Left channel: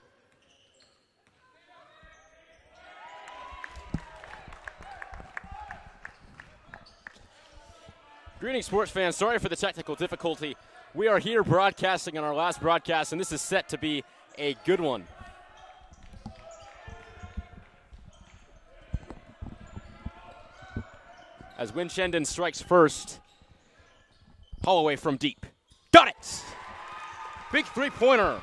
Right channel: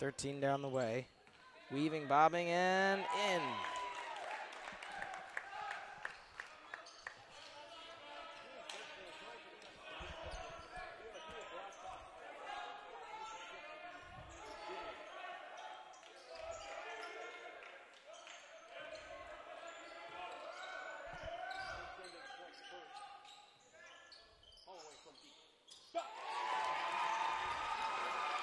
13 down the way. Weaving, bobbing, and in. Greetings, sports fans. Sorry for the technical difficulty. We are here broadcasting on our last broadcast, and this is set to be a good one. As winchendon strikes first, Holloway from deep. Got it! Big three-pointer.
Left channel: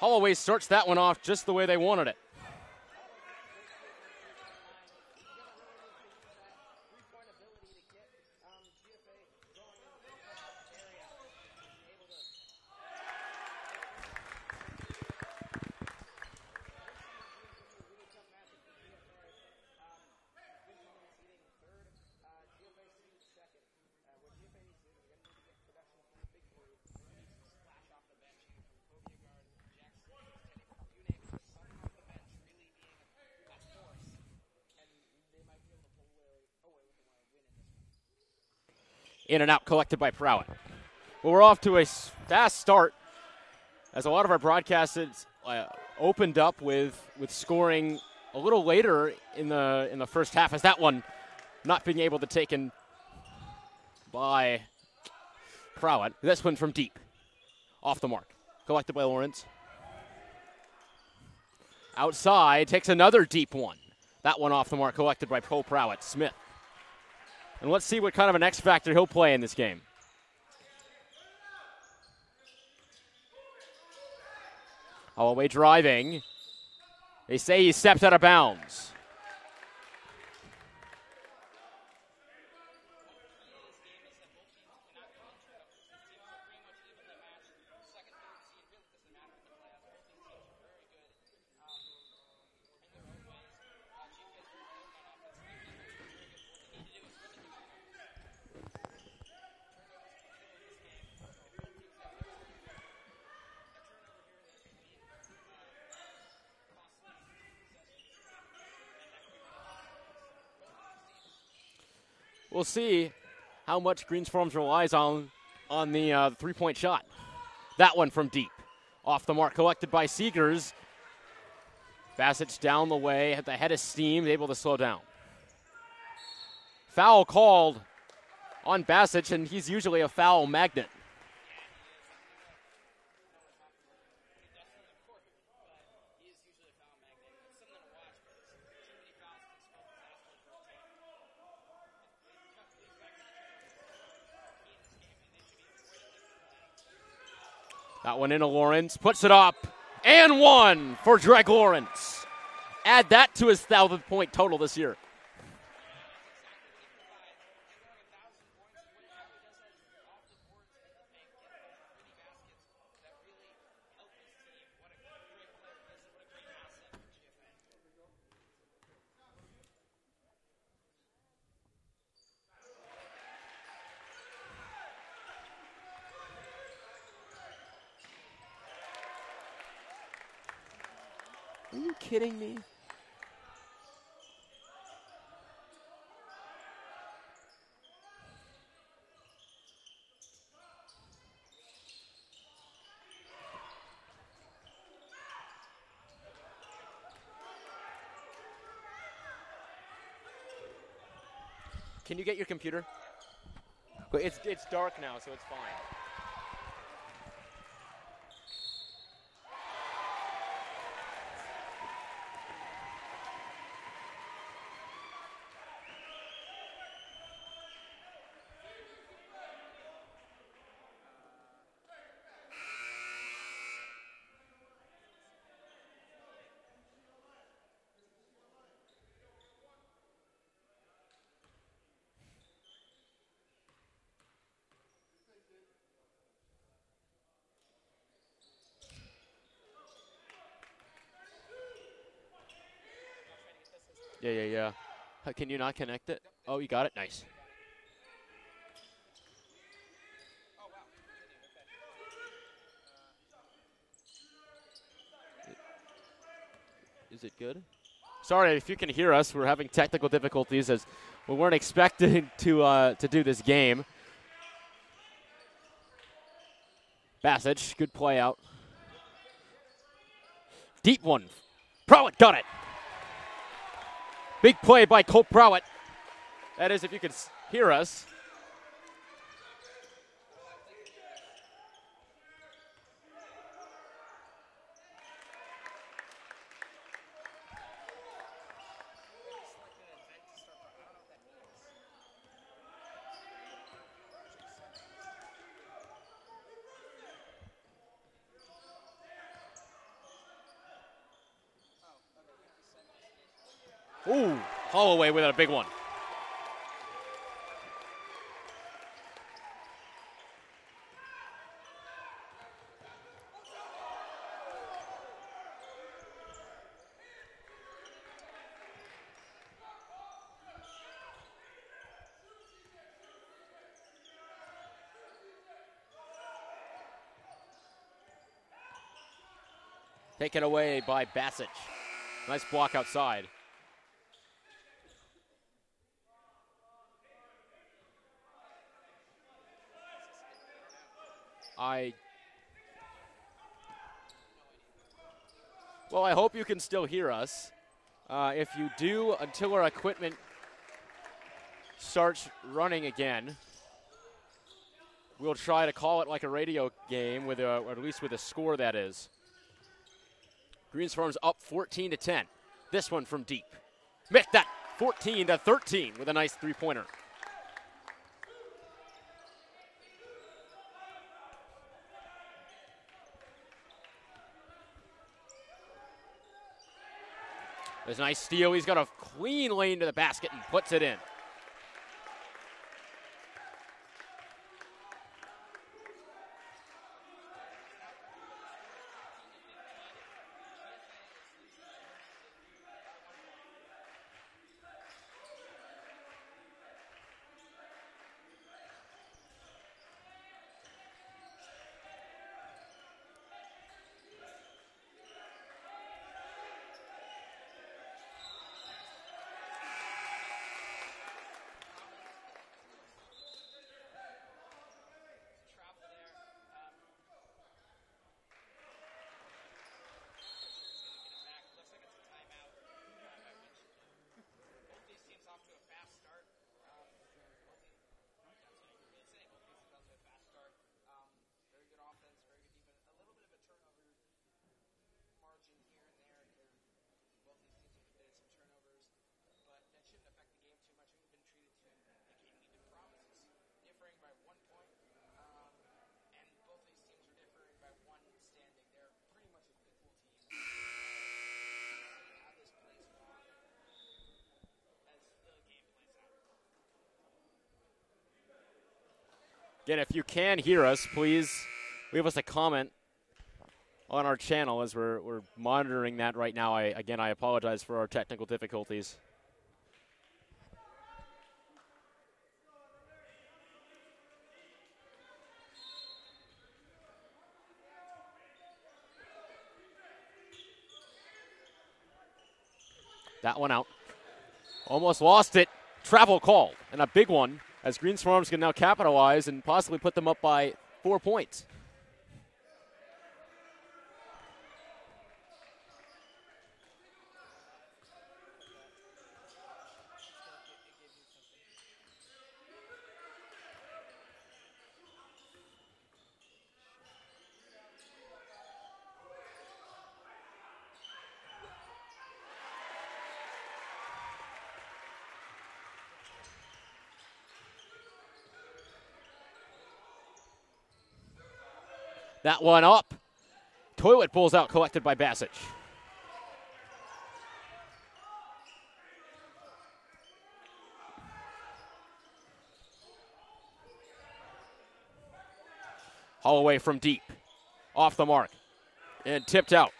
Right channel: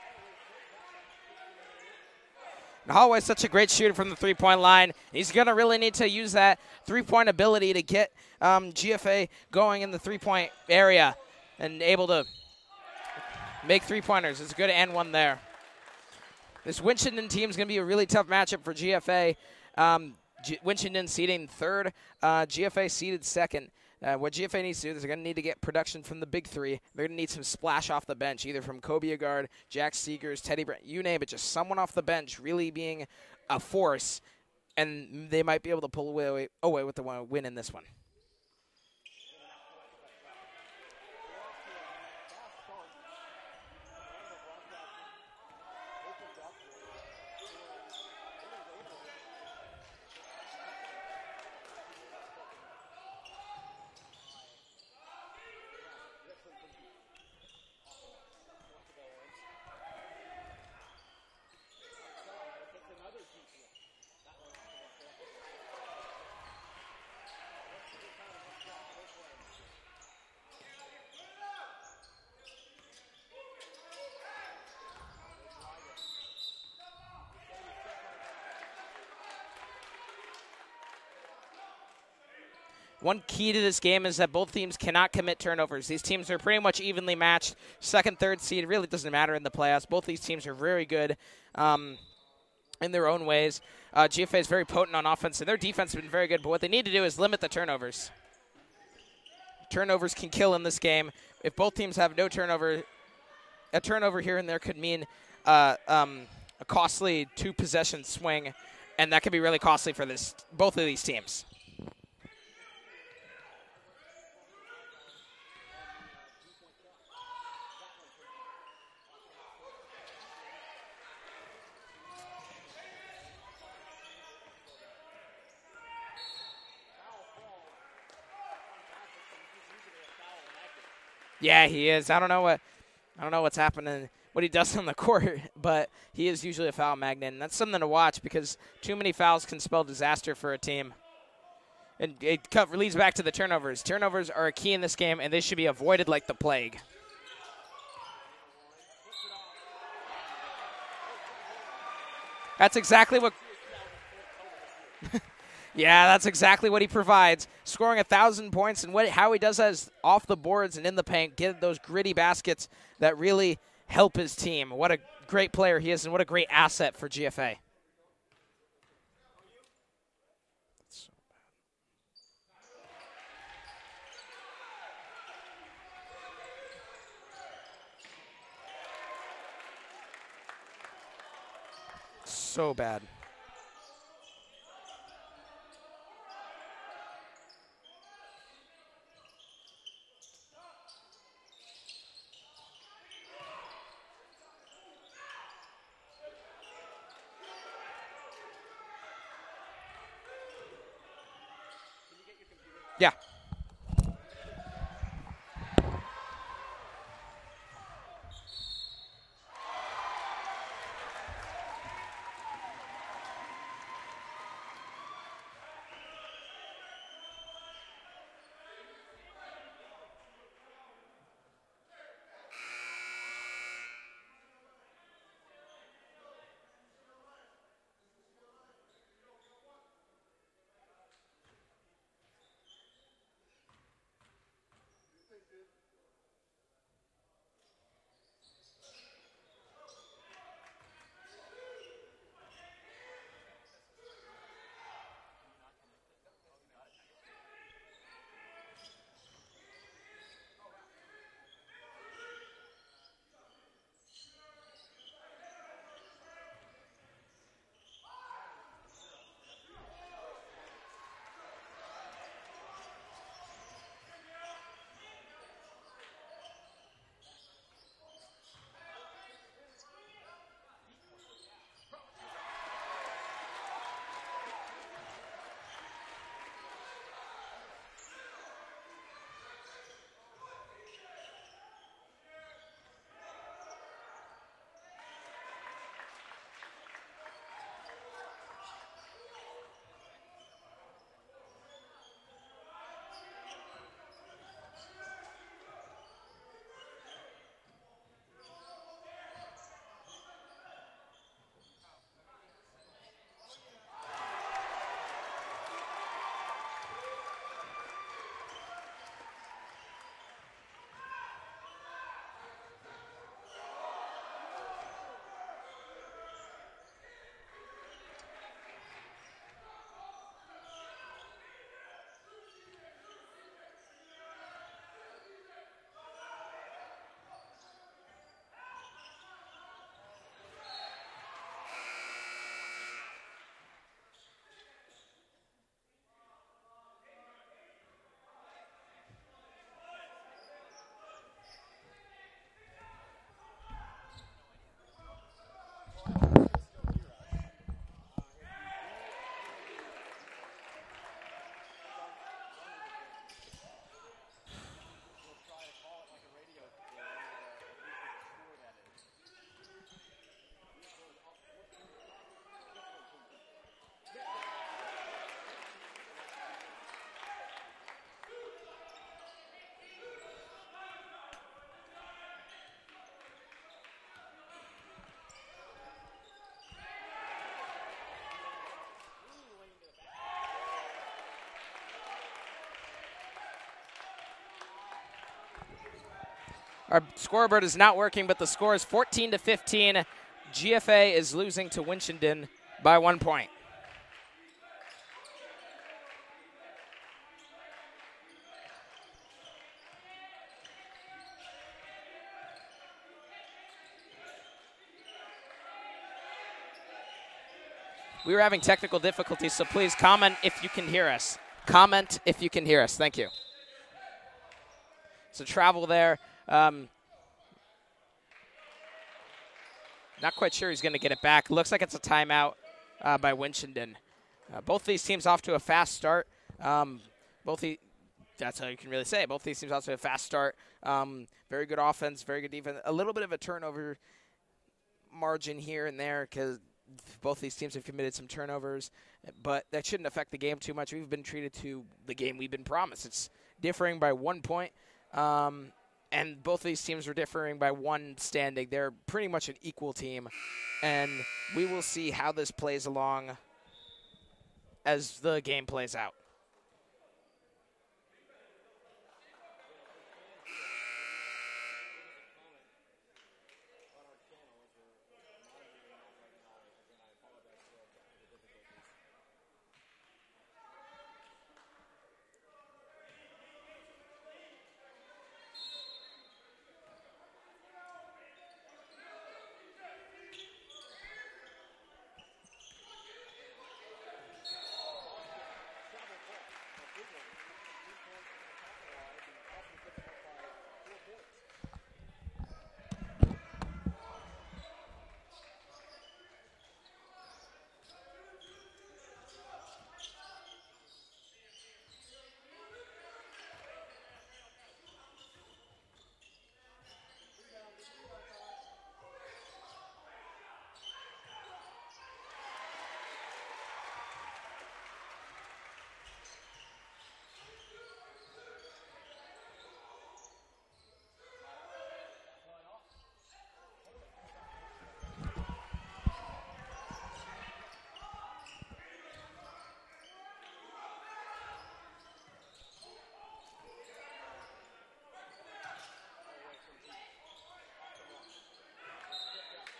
Holloway starts that one off just the way they wanted it. Holloway's such a great shooter from the three-point line. He's going to really need to use that three-point ability to get GFA going in the three-point area and able to make three-pointers. It's a good and one there. This winchendon team is going to be a really tough matchup for GFA. Winchendon seeding third, GFA seeded second. What GFA needs to do is they're going to need to get production from the big three. They're going to need some splash off the bench, either from Kobe Agard, Jack Seegers, Teddy Brent, you name it, just someone off the bench really being a force, and they might be able to pull away with the win in this one. In and out collected by Prowett. Well, we're off to a fast start as a lot of our broadcasts opened up with scoring a little later in the first half, as that one not being able to taken by Prowett. This one from deep. Off the mark. Collected by Lawrence. Outside, takes another deep one. That one off the mark, collected by Poe Prowett. Smith. And let's see what kind of an X factor he'll play in this game. Holloway driving. They say he stepped out of bounds. One key to this game is that both teams cannot commit turnovers. These teams are pretty much evenly matched. Second, third seed, really doesn't matter in the playoffs. Both these teams are very good in their own ways. GFA is very potent on offense, and their defense has been very good, but what they need to do is limit the turnovers. Turnovers can kill in this game. If both teams have no turnover, a turnover here and there could mean a costly two-possession swing, and that could be really costly for both of these teams. We'll see how much Greens Farms relies on the three-point shot. That one from deep. Off the mark, collected by Seegers. Bassett down the way, at the head of steam, able to slow down. Foul called on Bassett, and he's usually a foul magnet. Yeah, he is. I don't know what's happening, what he does on the court, but he is usually a foul magnet, and that's something to watch because too many fouls can spell disaster for a team. And it leads back to the turnovers. Turnovers are a key in this game, and they should be avoided like the plague. That one into Lawrence, puts it up, and one for Dreg Lawrence. That's exactly Add that to his 1,000-point total this year. Yeah, that's exactly what he provides. Scoring 1,000 points, and how he does that is off the boards and in the paint, get those gritty baskets that really help his team. What a great player he is, and what a great asset for GFA. Are you kidding me? So bad. Can you get your computer? Yeah. But it's dark now, so it's fine. Yeah. Can you not connect it? Oh, you got it? Nice. Is it good? Sorry if you can hear us. We're having technical difficulties as we weren't expecting to do this game. Bassett, good play out. Deep one. Prowett got it. Big play by Colt Prowett. That is, if you could hear us. Ooh, Holloway with a big one. Taken away by Bassett. Nice block outside. Well, I hope you can still hear us. If you do, until our equipment starts running again, we'll try to call it like a radio game, with or at least with a score, that is. Greens Farms up 14-10. This one from deep. Make that 14-13 with a nice three-pointer. There's a nice steal. He's got a clean lane to the basket and puts it in. Our scoreboard is not working, but the score is 14-15. GFA is losing to Winchendon by 1 point. We were having technical difficulties, so please comment if you can hear us. Comment if you can hear us. Thank you. So travel there. Not quite sure he's going to get it back. Looks like it's a timeout by Winchendon. Both these teams off to a fast start. That's how you can really say it. Both these teams off to a fast start. Very good offense, very good defense. A little bit of a turnover margin here and there because both these teams have committed some turnovers, but that shouldn't affect the game too much. We've been treated to the game we've been promised. It's differing by 1 point. And both of these teams are differing by one standing. They're pretty much an equal team. And we will see how this plays along as the game plays out. Again, if you can hear us, please leave us a comment on our channel as we're monitoring that right now. I apologize for our technical difficulties. That one out. Almost lost it. Travel call, and a big one, as Greens Farms can now capitalize and possibly put them up by 4 points. That one up. Toilet pulls out, collected by Bassett. Holloway from deep. Off the mark. And tipped out.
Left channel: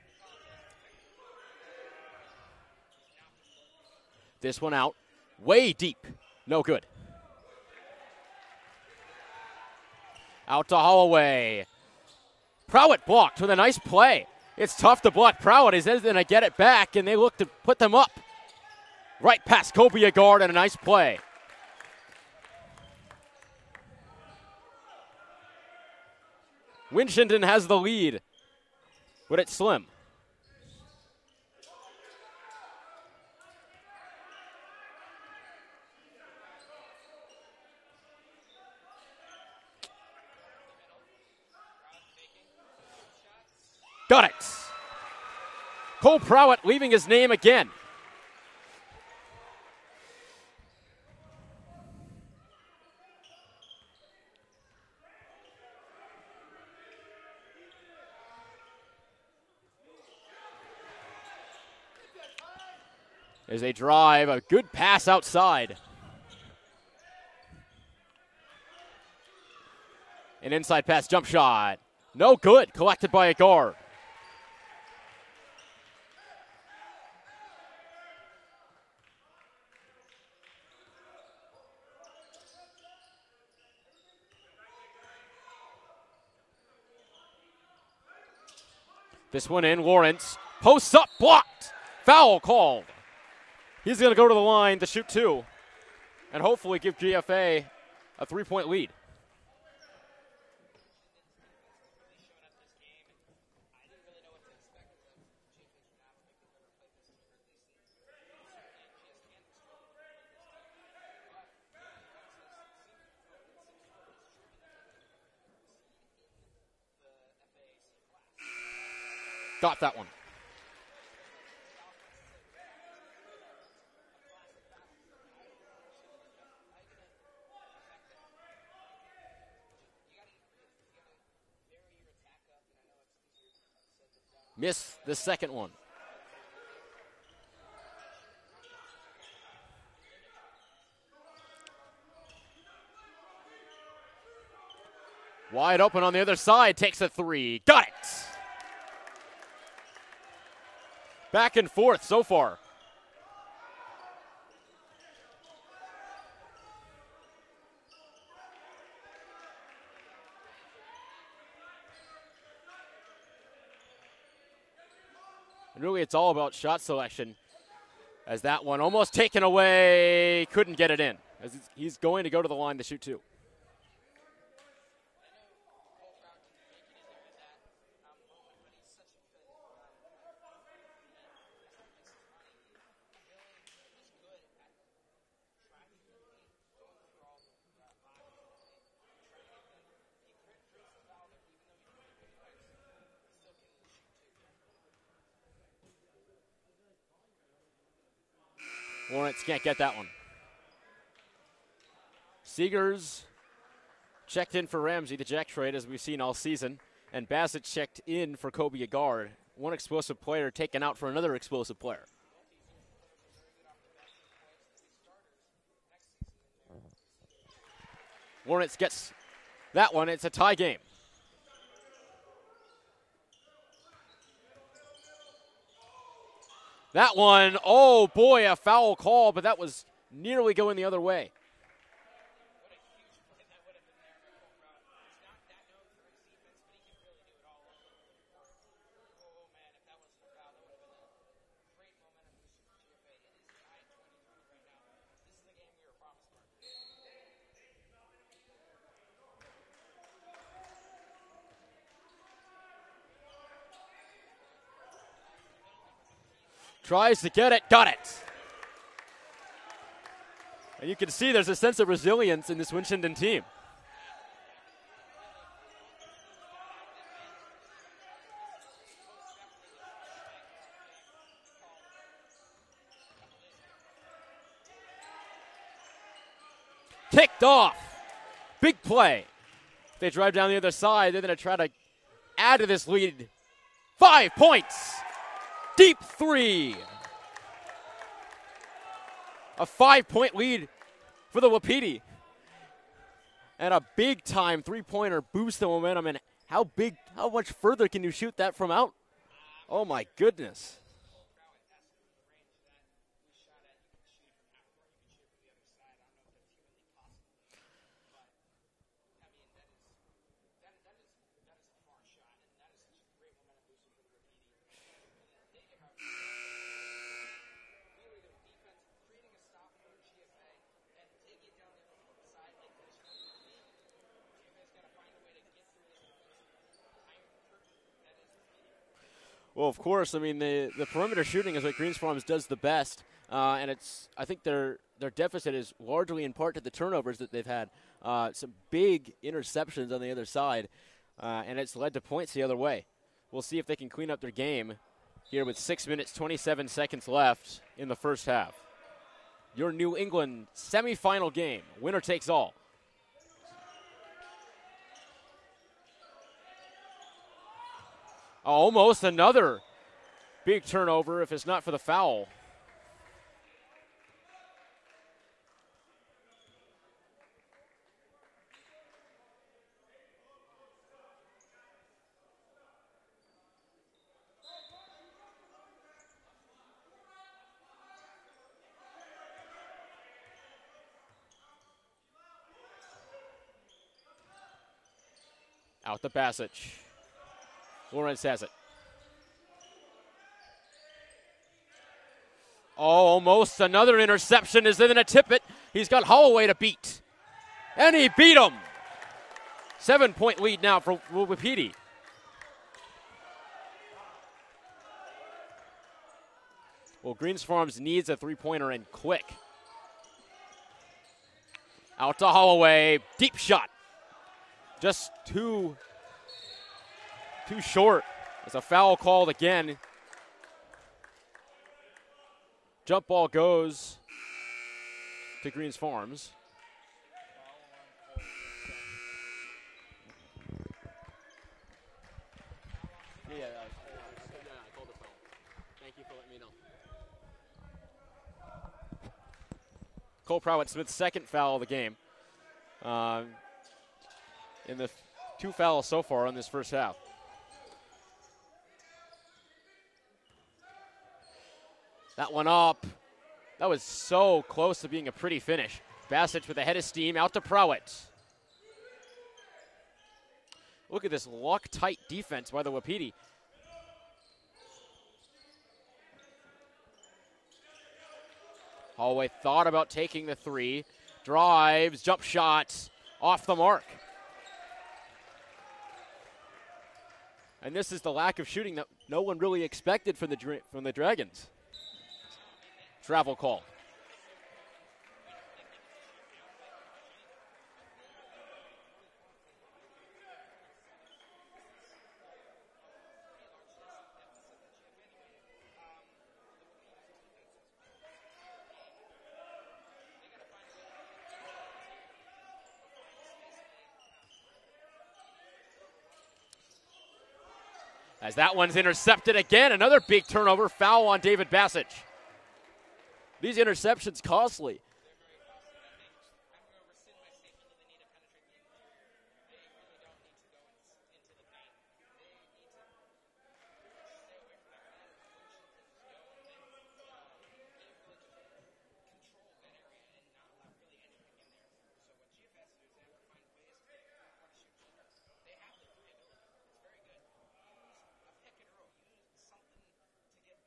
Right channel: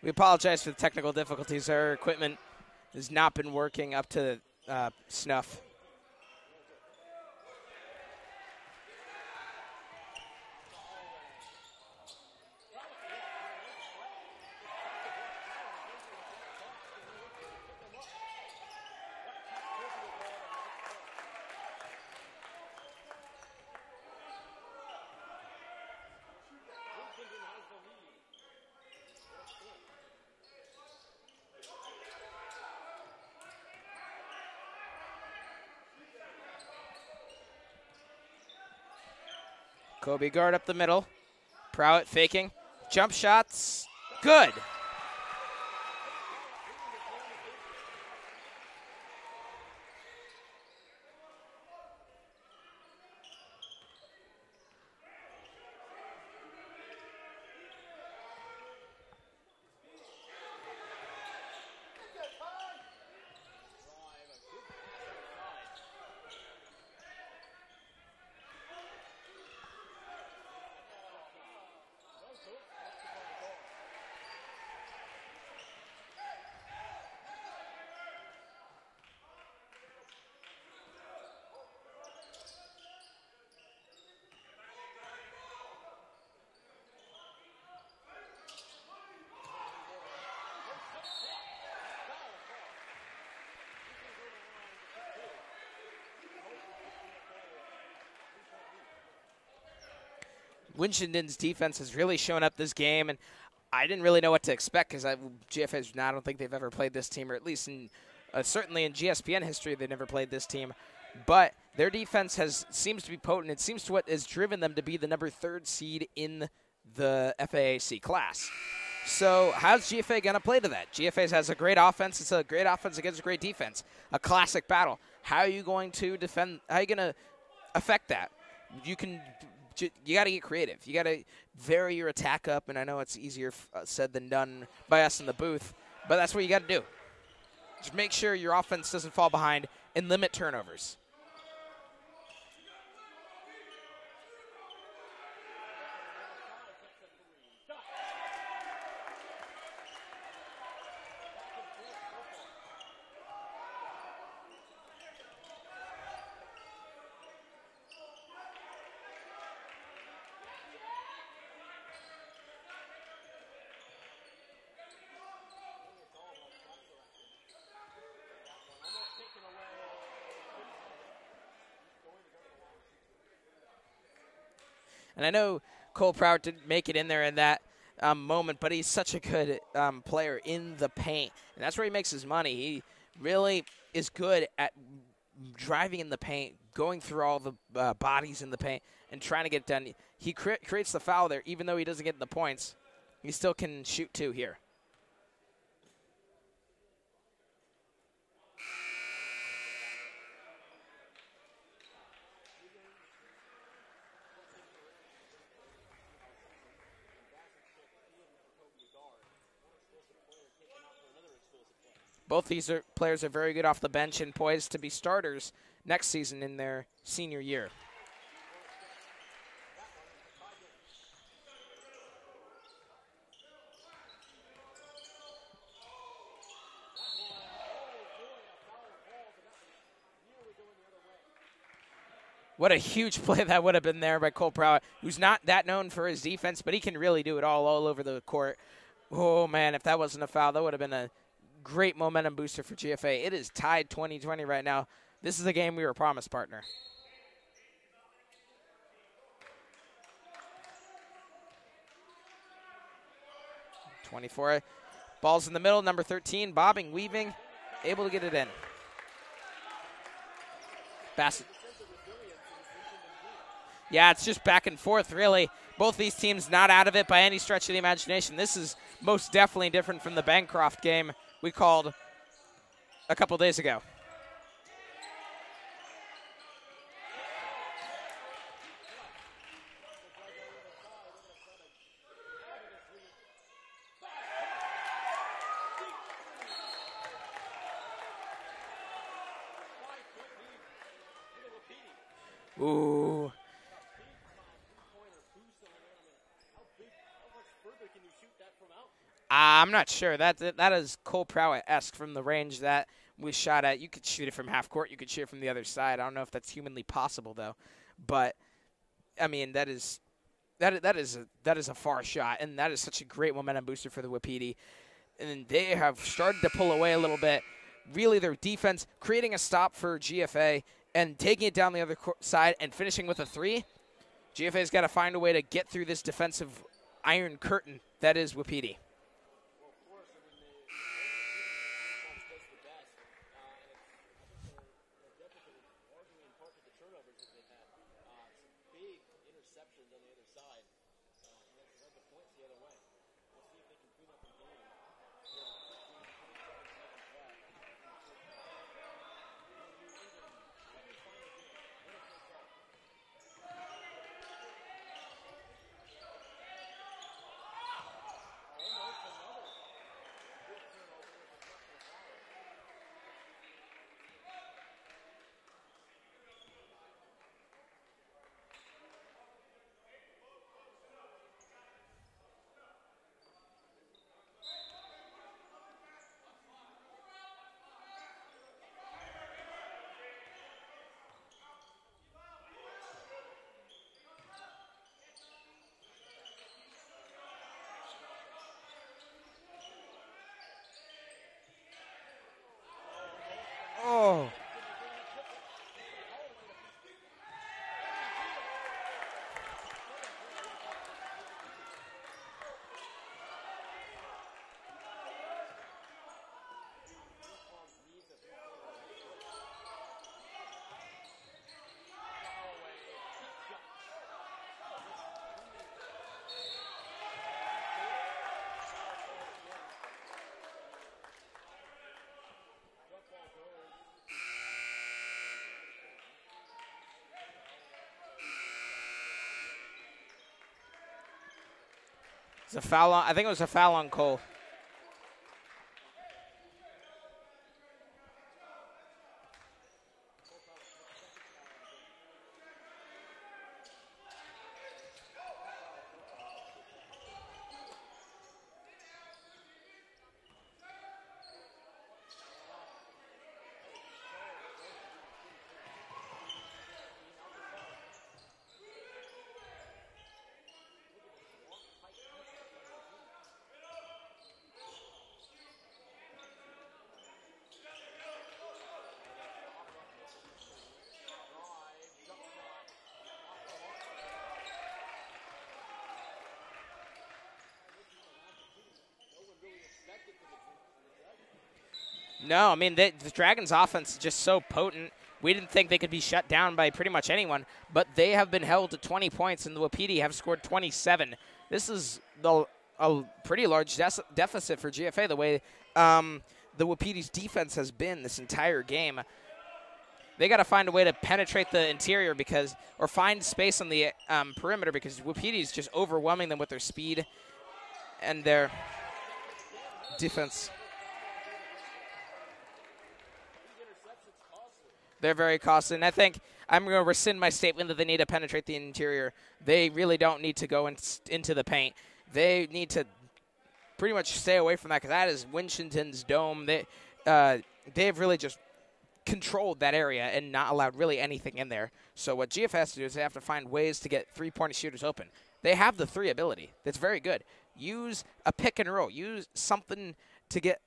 We apologize for the technical difficulties. Our equipment has not been working up to this one out. Snuff. Way deep. No good. Out to Holloway. Prowett blocked with a nice play. It's tough to block Prowett. He's going to get it back, and they look to put them up. Right past Kobe guard and a nice play. Winchendon has the lead, but it's slim. Kobe guard up the middle. Prowett faking. Jump shots. Got it. Good. Cole Prowett leaving his name again. There's a drive, a good pass outside. An inside pass jump shot. No good, collected by a guard. This one in, Lawrence. Posts up, blocked. Foul called. He's going to go to the line to shoot two and hopefully give GFA a 3-point lead. Winchendon's defense has really shown up this game, and I didn't really know what to expect because GFA's I don't think they've ever played this team, or at least in certainly in GSPN history they never played this team. But their defense seems to be potent. It seems to what has driven them to be the number 3rd seed in the FAAC class. So how's GFA going to play to that? GFA has a great offense. It's a great offense against a great defense. A classic battle. How are you going to defend? How are you going to affect that? You got to get creative. You got to vary your attack up, and I know it's easier said than done by us in the booth. One. But that's what you got to do. Just make sure your offense doesn't fall behind and limit turnovers. Wide open on the other side, takes a 3. Got it! Back and forth so far. And really, it's all about shot selection, as that one almost taken away, couldn't get it in. As he's going to go to the line to shoot two. And I know Cole Prowett didn't make it in there in that moment, but he's such a good player in the paint. And that's where he makes his money. He really is good at driving in the paint, going through all the bodies in the paint, and trying to get it done. He creates the foul there, even though he doesn't get the points. He still can shoot two here. Lawrence can't get that one. Seegers checked in for Ramsey, the jack trade, as we've seen all season. And Bassett checked in for Kobe Agard. One explosive player taken out for another explosive player. Both these players are very good off the bench and poised to be starters next season in their senior year. Lawrence gets that one. It's a tie game. That one, oh boy, a foul call, but that was nearly going the other way. What a huge play that would have been there by Cole Prowett, who's not that known for his defense, but he can really do it all over the court. Oh, man, if that wasn't a foul, that would have been a great momentum booster for GFA. It is tied 20-20 right now. This is a game we were promised, partner. Ball's in the middle, number 13, bobbing. Tries to get it, got it. Able to get it in. And you can see there's a sense of resilience in this Winchendon team. Yeah, it's just back and forth, really. Both these teams not out of it by any stretch of the imagination. This is most definitely different from the Bancroft game we called a couple days ago. Kicked off. Big play. They drive down the other side. They're going to try to add to this lead. 5 points. Deep three. A 5-point lead for the Wapiti. Ooh. And a big-time three-pointer boost the momentum. And how much further can you shoot that from out? I'm not sure. That Goodness. is Cole Prowett-esque from the range that we shot at. You could shoot it from half court. You could shoot it from the other side. I don't know if that's humanly possible, though. But, I mean, that is that is a far shot, and that is such a great momentum booster for the Wapiti. And they have started to pull away a little bit. Really, their defense creating a stop for GFA and taking it down the other side and finishing with a 3. GFA's got to find a way to get through this defensive iron curtain that is Wapiti. Well, of course, I mean, the perimeter shooting is what Greens Farms does the best, and I think their deficit is largely in part to the turnovers that they've had. Some big interceptions on the other side, and it's led to points the other way. We'll see if they can clean up their game here with 6 minutes, 27 seconds left in the first half. Your New England semifinal game, winner takes all. Almost another big turnover if it's not for the foul. Out to Basic. Lawrence has it. Almost another interception is in a Tippett. He's got Holloway to beat. And he beat him. 7-point lead now for Wapiti. Well, Greens Farms needs a three-pointer and quick. Out to Holloway. Deep shot. Just too short. There's a foul called again. Jump ball goes to Greens Farms. It's a foul on, I think it was a foul on Cole. Cole Prowett-Smith's second foul of the game. In the 2 fouls so far in this first half. That one up. That was so close to being a pretty finish. Basic with a head of steam out to Prowett. Look at this lock-tight defense by the Wapiti. Holloway thought about taking the 3. Drives, jump shots, off the mark. And this is the lack of shooting that no one really expected from the Dragons. No, I mean, the Dragons' offense is just so potent. We didn't think they could be shut down by pretty much anyone, but they have been held to 20 points, and the Wapiti have scored 27. This is a pretty large deficit for GFA, the way the Wapiti's defense has been this entire game. They got to find a way to penetrate the interior or find space on the perimeter because Wapiti's just overwhelming them with their speed. And that one's intercepted again. Another defense. Big turnover. Foul on David Basic. These interceptions costly. They're very costly. And I think I'm going to rescind my statement that they need to penetrate the interior. They really don't need to go into the paint. They need to pretty much stay away from that because that is Winchendon's dome. They've really just controlled that area and not allowed really anything in there. So what GF has to do is they have to find ways to get three-point shooters open. They have the 3 ability. That's very good. Use a pick and roll. Use something to get,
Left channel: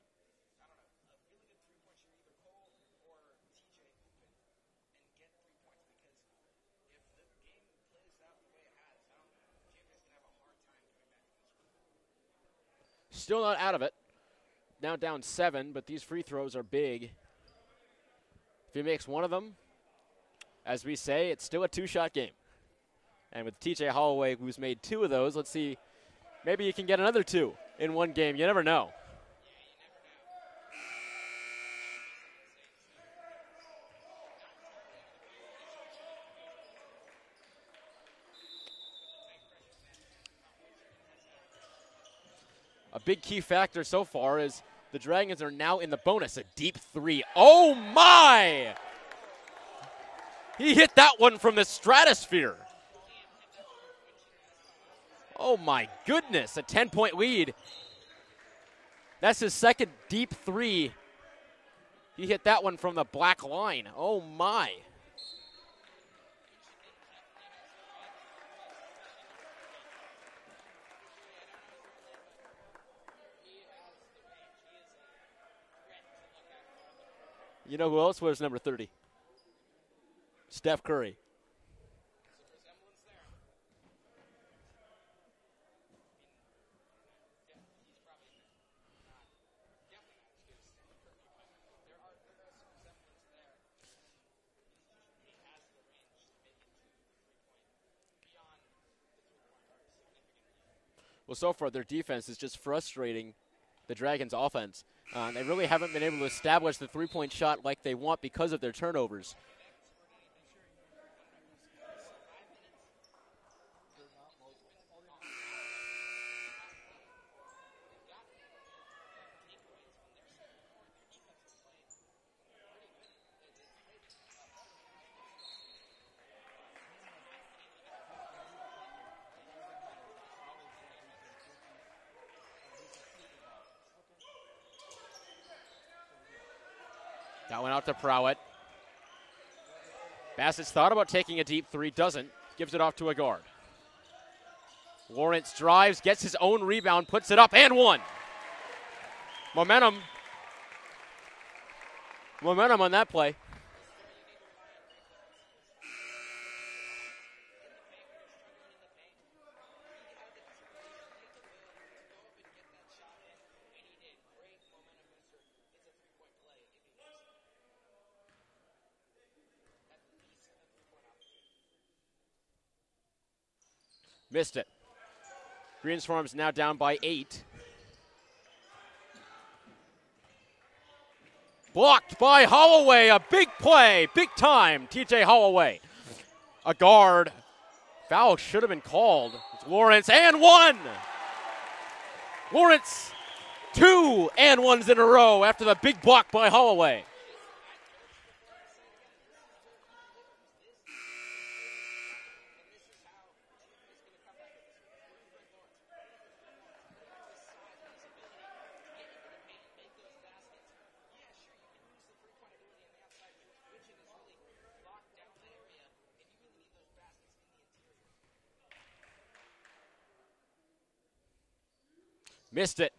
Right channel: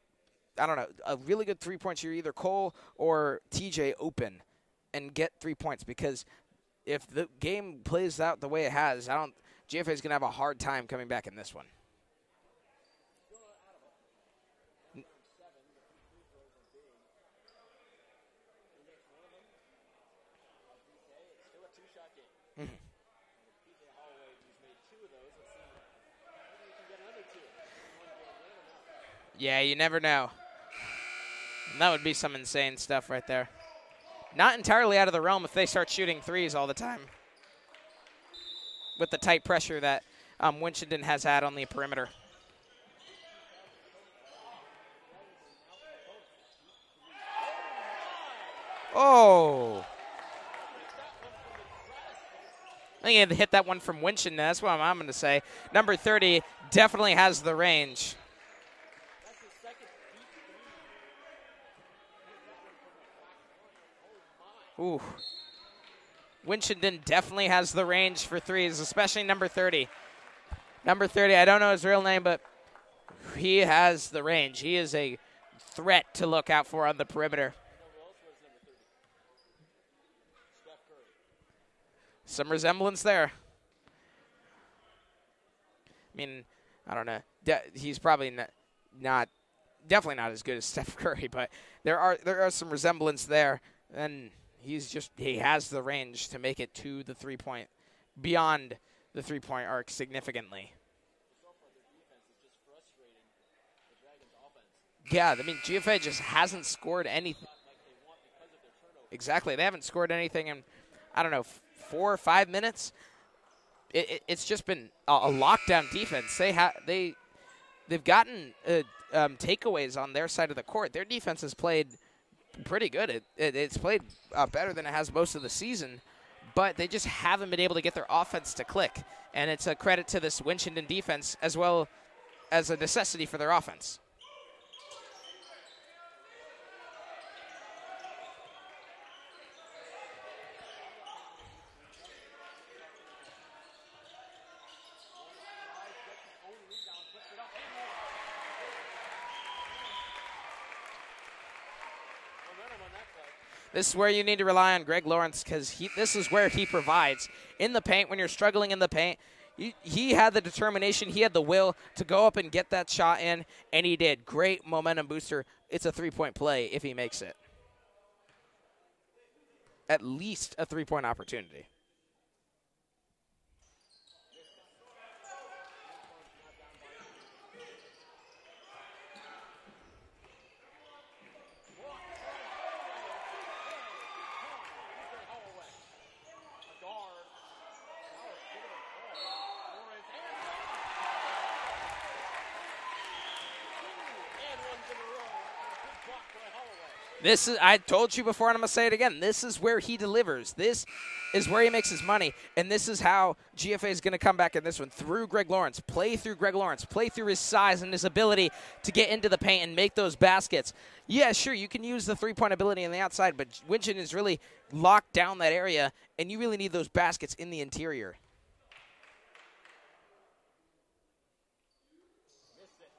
I don't know, a really good 3-point shooter, either Cole or TJ open and get 3 points because if the game plays out the way it has, GFA is going to have a hard time coming back in this one. Still not out of it. Now down 7, but these free throws are big. If he makes one of them, as we say, it's still a 2-shot game. And with TJ Holloway, who's made 2 of those, let's see, maybe you can get another 2 in one game. You never know. Yeah, you never know. And that would be some insane stuff right there. Not entirely out of the realm if they start shooting 3s all the time. With the tight pressure that Winchendon has had on the perimeter. A big key factor so far is the Dragons are now in the bonus. A deep 3. Oh, my! Oh. He hit that one from the stratosphere. I think he had to hit that one from Winchendon. That's what I'm going to say. Oh, my Number 30 goodness, definitely has lead. the range. That's his second deep 3. He hit that one from the black line. Oh, my. Ooh. Winchendon definitely has the range for threes, especially number 30. Number 30, I don't know his real name, but he has the range. He is a threat to look out for on the perimeter. You know who else wears number 30? Steph Curry. Some resemblance there. I mean, I don't know. He's probably definitely not as good as Steph Curry, but there are some resemblance there, and he has the range to make it to the 3-point, beyond the 3-point arc significantly. Well, so far their defense is just frustrating the Dragons' offense. Yeah, they really haven't been able to establish the three-point shot like they want because of their turnovers. Exactly. They haven't scored anything in, I don't know, 4 or 5 minutes. It's just been a lockdown defense. They've gotten takeaways on their side of the court. Their defense has played pretty good. It's played better than it has most of the season, but they just haven't been able to get their offense to click. And it's a credit to this Winchendon defense as well as a necessity for their offense. That went out to Prowett. Bassett's thought about taking a deep three, doesn't. Gives it off to a guard. Lawrence drives, gets his own rebound, puts it up, and one. Momentum on that play. This is where you need to rely on Greg Lawrence, because this is where he provides. In the paint, when you're struggling in the paint, he had the determination, he had the will to go up and get that shot in, and he did. Great momentum booster. It's a 3-point play if he makes it. At least a 3-point opportunity. Missed it. Greens Farms now down by 8. Blocked by Holloway, a big play, big time, TJ Holloway. A guard. Foul should have been called. It's Lawrence, and one! Lawrence, 2 and ones in a row after the big block by Holloway. I told you before, and I'm going to say it again, this is where he delivers. This is where he makes his money, and this is how GFA is going to come back in this one, through Greg Lawrence. Play through Greg Lawrence. Play through his size and his ability to get into the paint and make those baskets. Yeah, sure, you can use the 3-point ability on the outside, but Winchendon is really locked down that area, and you really need those baskets in the interior. Missed it.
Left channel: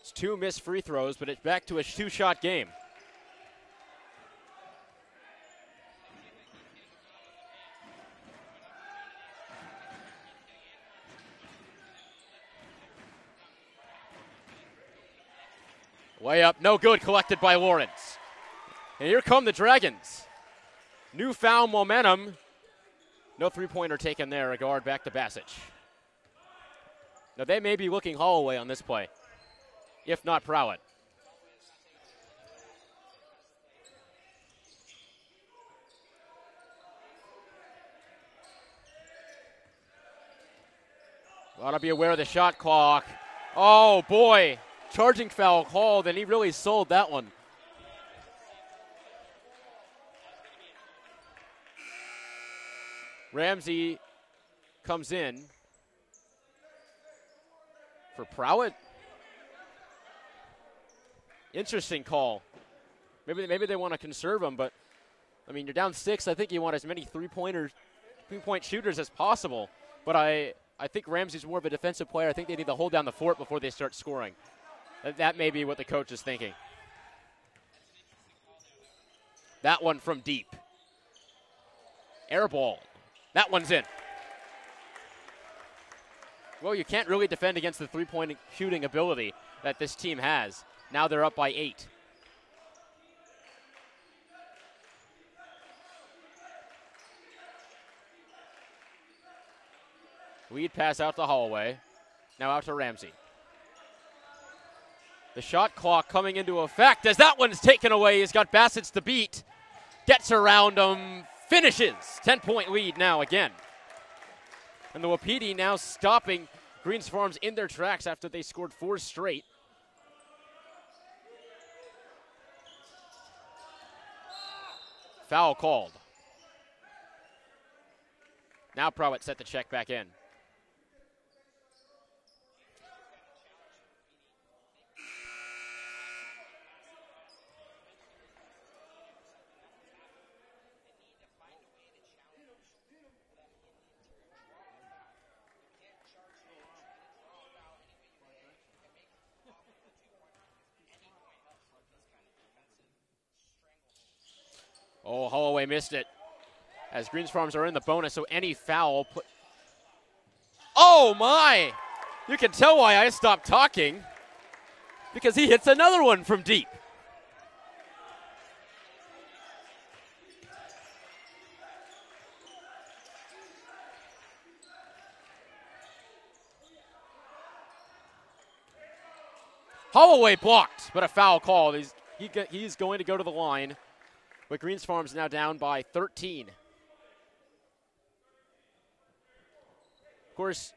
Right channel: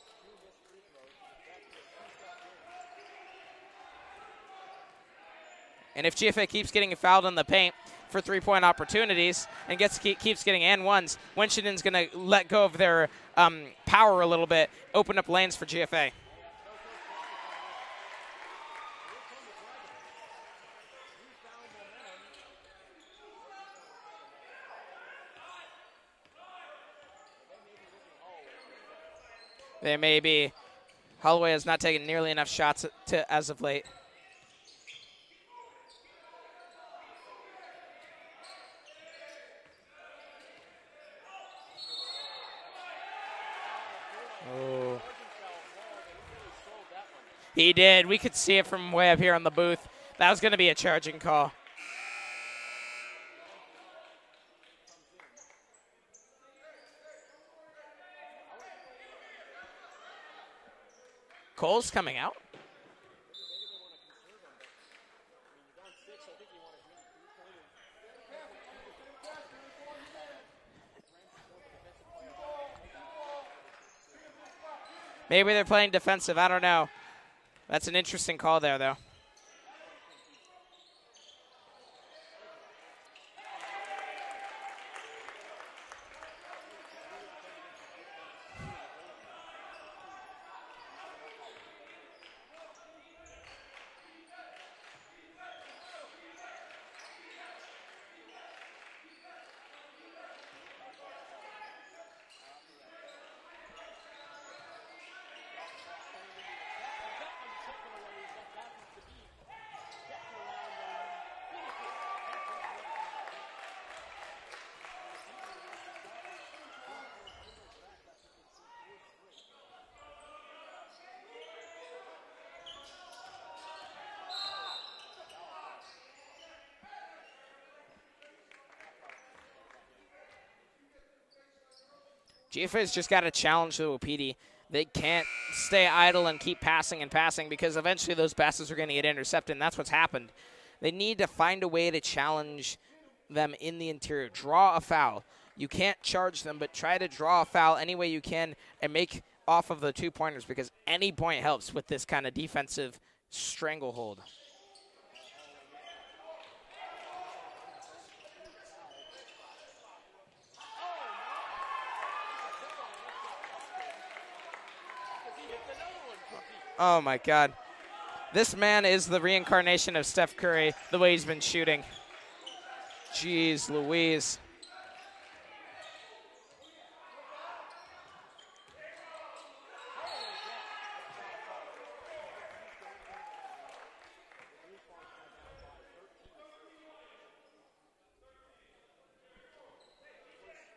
It's 2 missed free throws, but it's back to a 2-shot game. And if GFA keeps getting fouled in the paint for 3-point opportunities and keeps getting and ones, Winchendon's going to let go of their power a little bit, open up lanes for GFA. Way up, no good, collected by Lawrence. And here come the Dragons. Newfound momentum. No 3-pointer taken there, a guard back to Bassett. Now they may be looking Holloway on this play. They may be. Not Prowett. Holloway has not taken nearly enough shots as of late. Ought to be aware of the shot clock. Oh, boy. Oh. Charging foul called, and he really sold that one. He did. We could see it from way up here on the booth. That was going to be a charging call. Ramsey comes in for Prowett. Interesting call. Maybe they want to conserve him, but, I mean, you're down 6. I think you want as many three-point shooters as possible. But I think Ramsey's more of a defensive player. I think they need to hold down the fort before they start scoring. Maybe they're playing defensive. I don't know. That's an interesting call there, though. That one from deep. Air ball. That one's in. Well, you can't really defend against the three-point shooting ability that this team has. Now they're up by 8. Lead pass out to Holloway. Now out to Ramsey. The shot clock coming into effect as that one's taken away. He's got Bassett's to beat. Gets around him. Finishes. 10-point lead now again. And the Wapiti now stopping Greens Farms in their tracks after they scored 4 straight. Foul called. Now Prowett set the check back in. GFA's just got to challenge the Wapiti. They can't stay idle and keep passing and passing because eventually those passes are going to get intercepted, and that's what's happened. They need to find a way to challenge them in the interior. Draw a foul. You can't charge them, but try to draw a foul any way you can and make off of the 2-pointers, because any point helps with this kind of defensive stranglehold. Oh, Holloway missed it. As Greens Farms are in the bonus, so any foul. Oh, my! You can tell why I stopped talking, because he hits another one from deep. Oh, my God. This man is the reincarnation of Steph Curry, the way he's been shooting. Jeez Louise. Holloway blocked, but a foul call. He's going to go to the line, but Greens Farms now down by 13. Of course,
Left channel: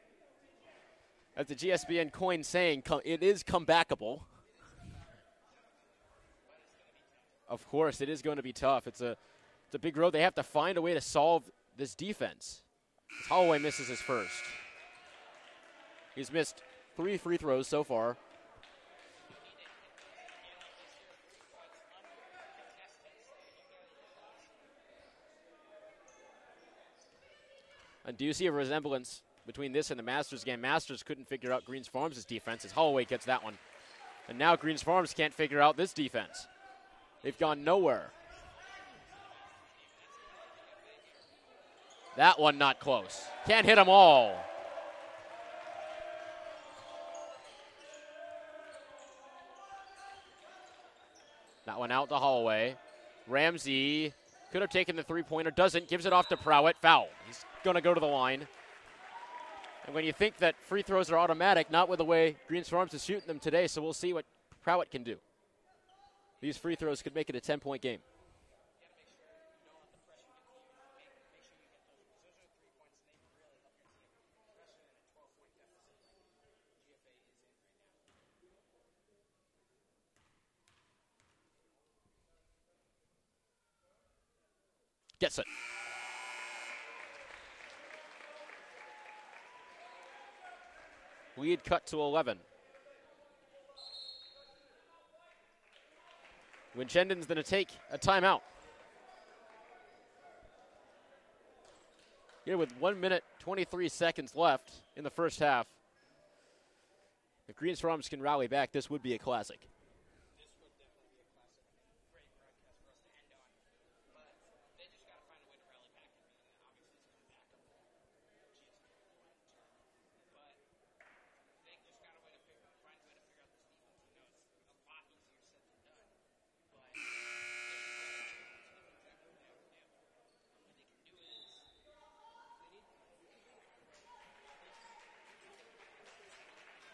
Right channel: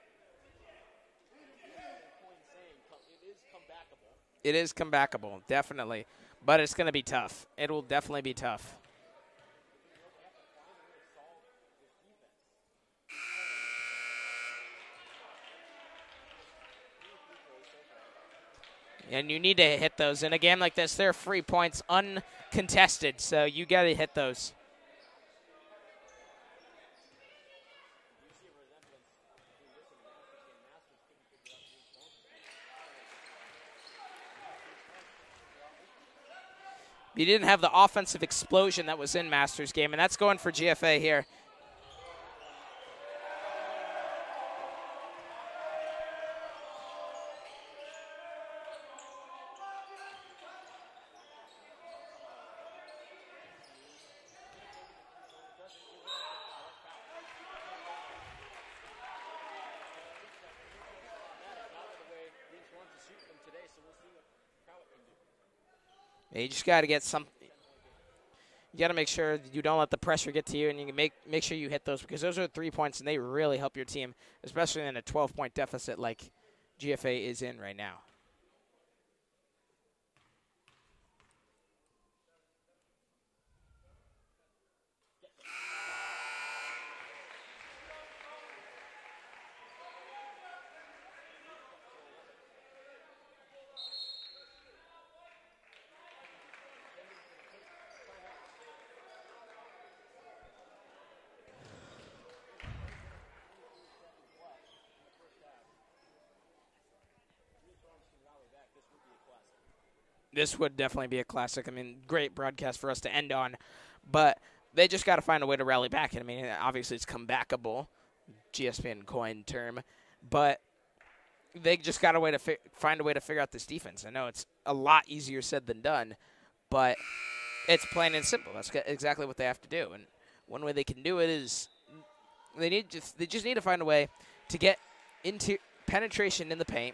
as the GSBN coin saying, it is comebackable. It is comebackable, definitely. But it's going to be tough. It will definitely be tough. It's a big road. They have to find a way to solve this defense. Holloway misses his first. He's missed 3 free throws so far. And you need to hit those. In a game like this, they're free points uncontested, so you got to hit those. And do you see a resemblance between this and the Masters game? Masters couldn't figure out Greens Farms' defense as Holloway gets that one. And now Greens Farms can't figure out this defense. You didn't have the offensive explosion that was in Masters game, and that's going for GFA here. That one not close. Can't hit them all. That one out to Holloway. Ramsey could have taken the 3-pointer, doesn't, gives it off to Prowett. Foul. He's going to go to the line. And when you think that free throws are automatic, not with the way Greens Farms is shooting them today, so we'll see what Prowett can do. You just got to get some. Make it a 10-point game. You got to make sure that you don't let the pressure get to you, and you can make sure you hit those, because those are 3 points, and they really help your team, especially in a 12-point deficit like GFA is in right now. Gets it. Lead cut to 11. Winchendon's going to take a timeout. Here with 1 minute, 23 seconds left in the first half. If Greens Farms can rally back, this would be a classic. This would definitely be a classic. I mean, great broadcast for us to end on. But they just got to find a way to rally back. I mean, obviously it's comebackable, GSPN coin term. But they just got to find a way to figure out this defense. I know it's a lot easier said than done, but it's plain and simple. That's exactly what they have to do. And one way they can do it is they just need to find a way to get into penetration in the paint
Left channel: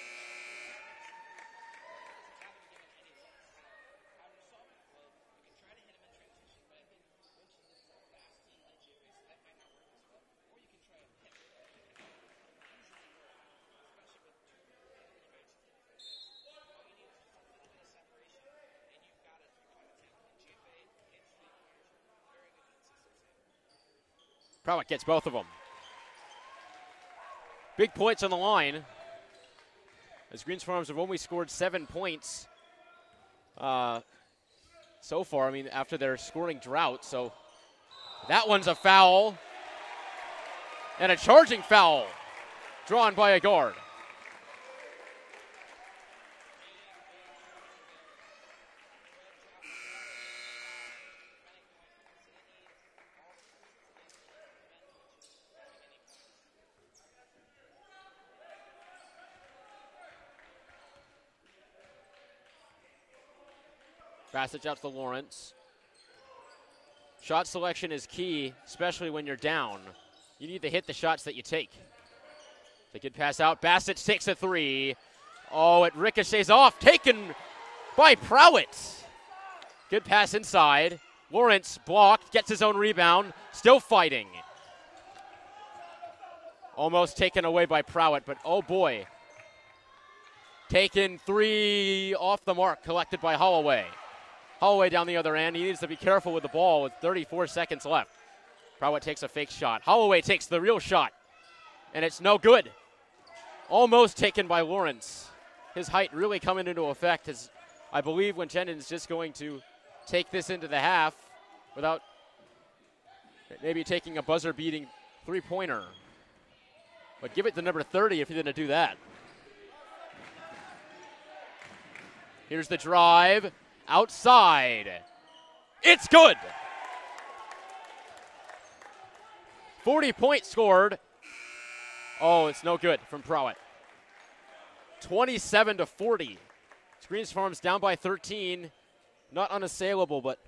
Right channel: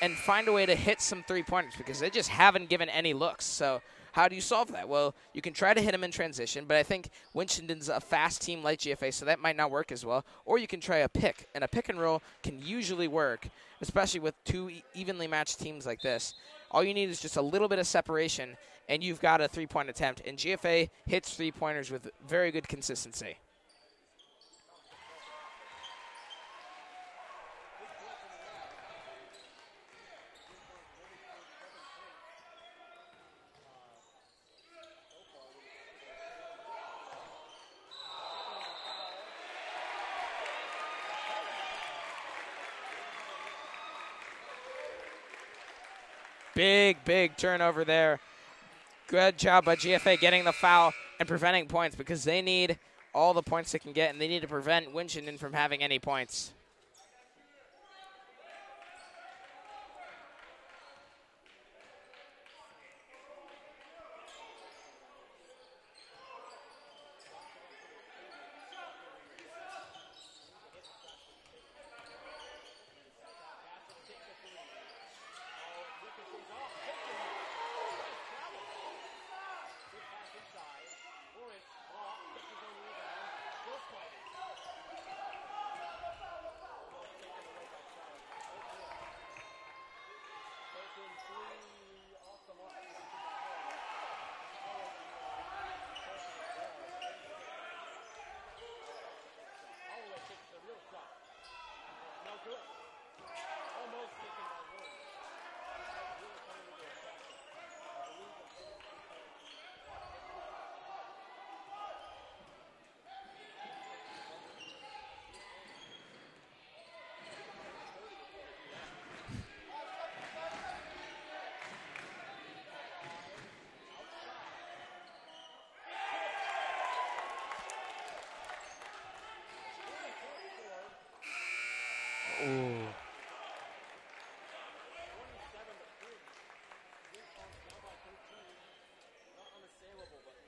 and find a way to hit some 3-pointers, because they just haven't given any looks. So how do you solve that? Well, you can try to hit them in transition, but I think Winchendon's a fast team like GFA, so that might not work as well. Or you can try a pick, and a pick and roll can usually work, especially with 2 evenly matched teams like this. All you need is just a little bit of separation, and you've got a 3-point attempt. And GFA hits 3-pointers with very good consistency. Prowett gets both of them. Big points on the line, as Greens Farms have only scored 7 points so far. I mean, after their scoring drought. So that one's a foul, and a charging foul drawn by a guard. Big turnover there. Good job by GFA getting the foul and preventing points, because they need all the points they can get, and they need to prevent Winchendon from having any points. Passage out to Lawrence. Shot selection is key, especially when you're down. You need to hit the shots that you take. The good pass out. Bassett takes a 3. Oh, it ricochets off. Taken by Prowett. Good pass inside. Lawrence blocked, gets his own rebound. Still fighting. Almost taken away by Prowett, but oh boy. Taken 3 off the mark, collected by Holloway. Holloway down the other end. He needs to be careful with the ball with 34 seconds left. Prowett takes a fake shot. Holloway takes the real shot, and it's no good. Almost taken by Lawrence. His height really coming into effect, as I believe Winchendon's just going to take this into the half without maybe taking a buzzer-beating three-pointer. But give it to number 30 if you're going to do that. Here's the drive. Outside. It's good. 40 points scored. Oh, it's no good from Prowett. 27-40. Greens Farms down by 13. Not unassailable, but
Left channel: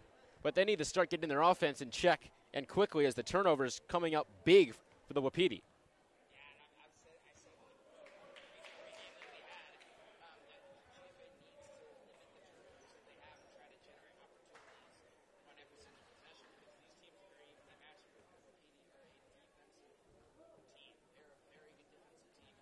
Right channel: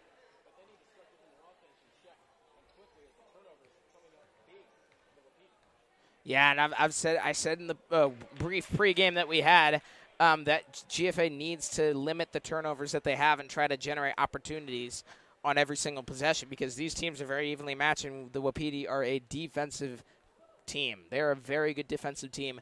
they need to start getting their offense in check and quickly as the turnovers coming up big for the Wapiti. Yeah, and I said in the brief pregame that we had that GFA needs to limit the turnovers that they have and try to generate opportunities on every single possession because these teams are very evenly matched, and the Wapiti are a defensive team. They're a very good defensive team,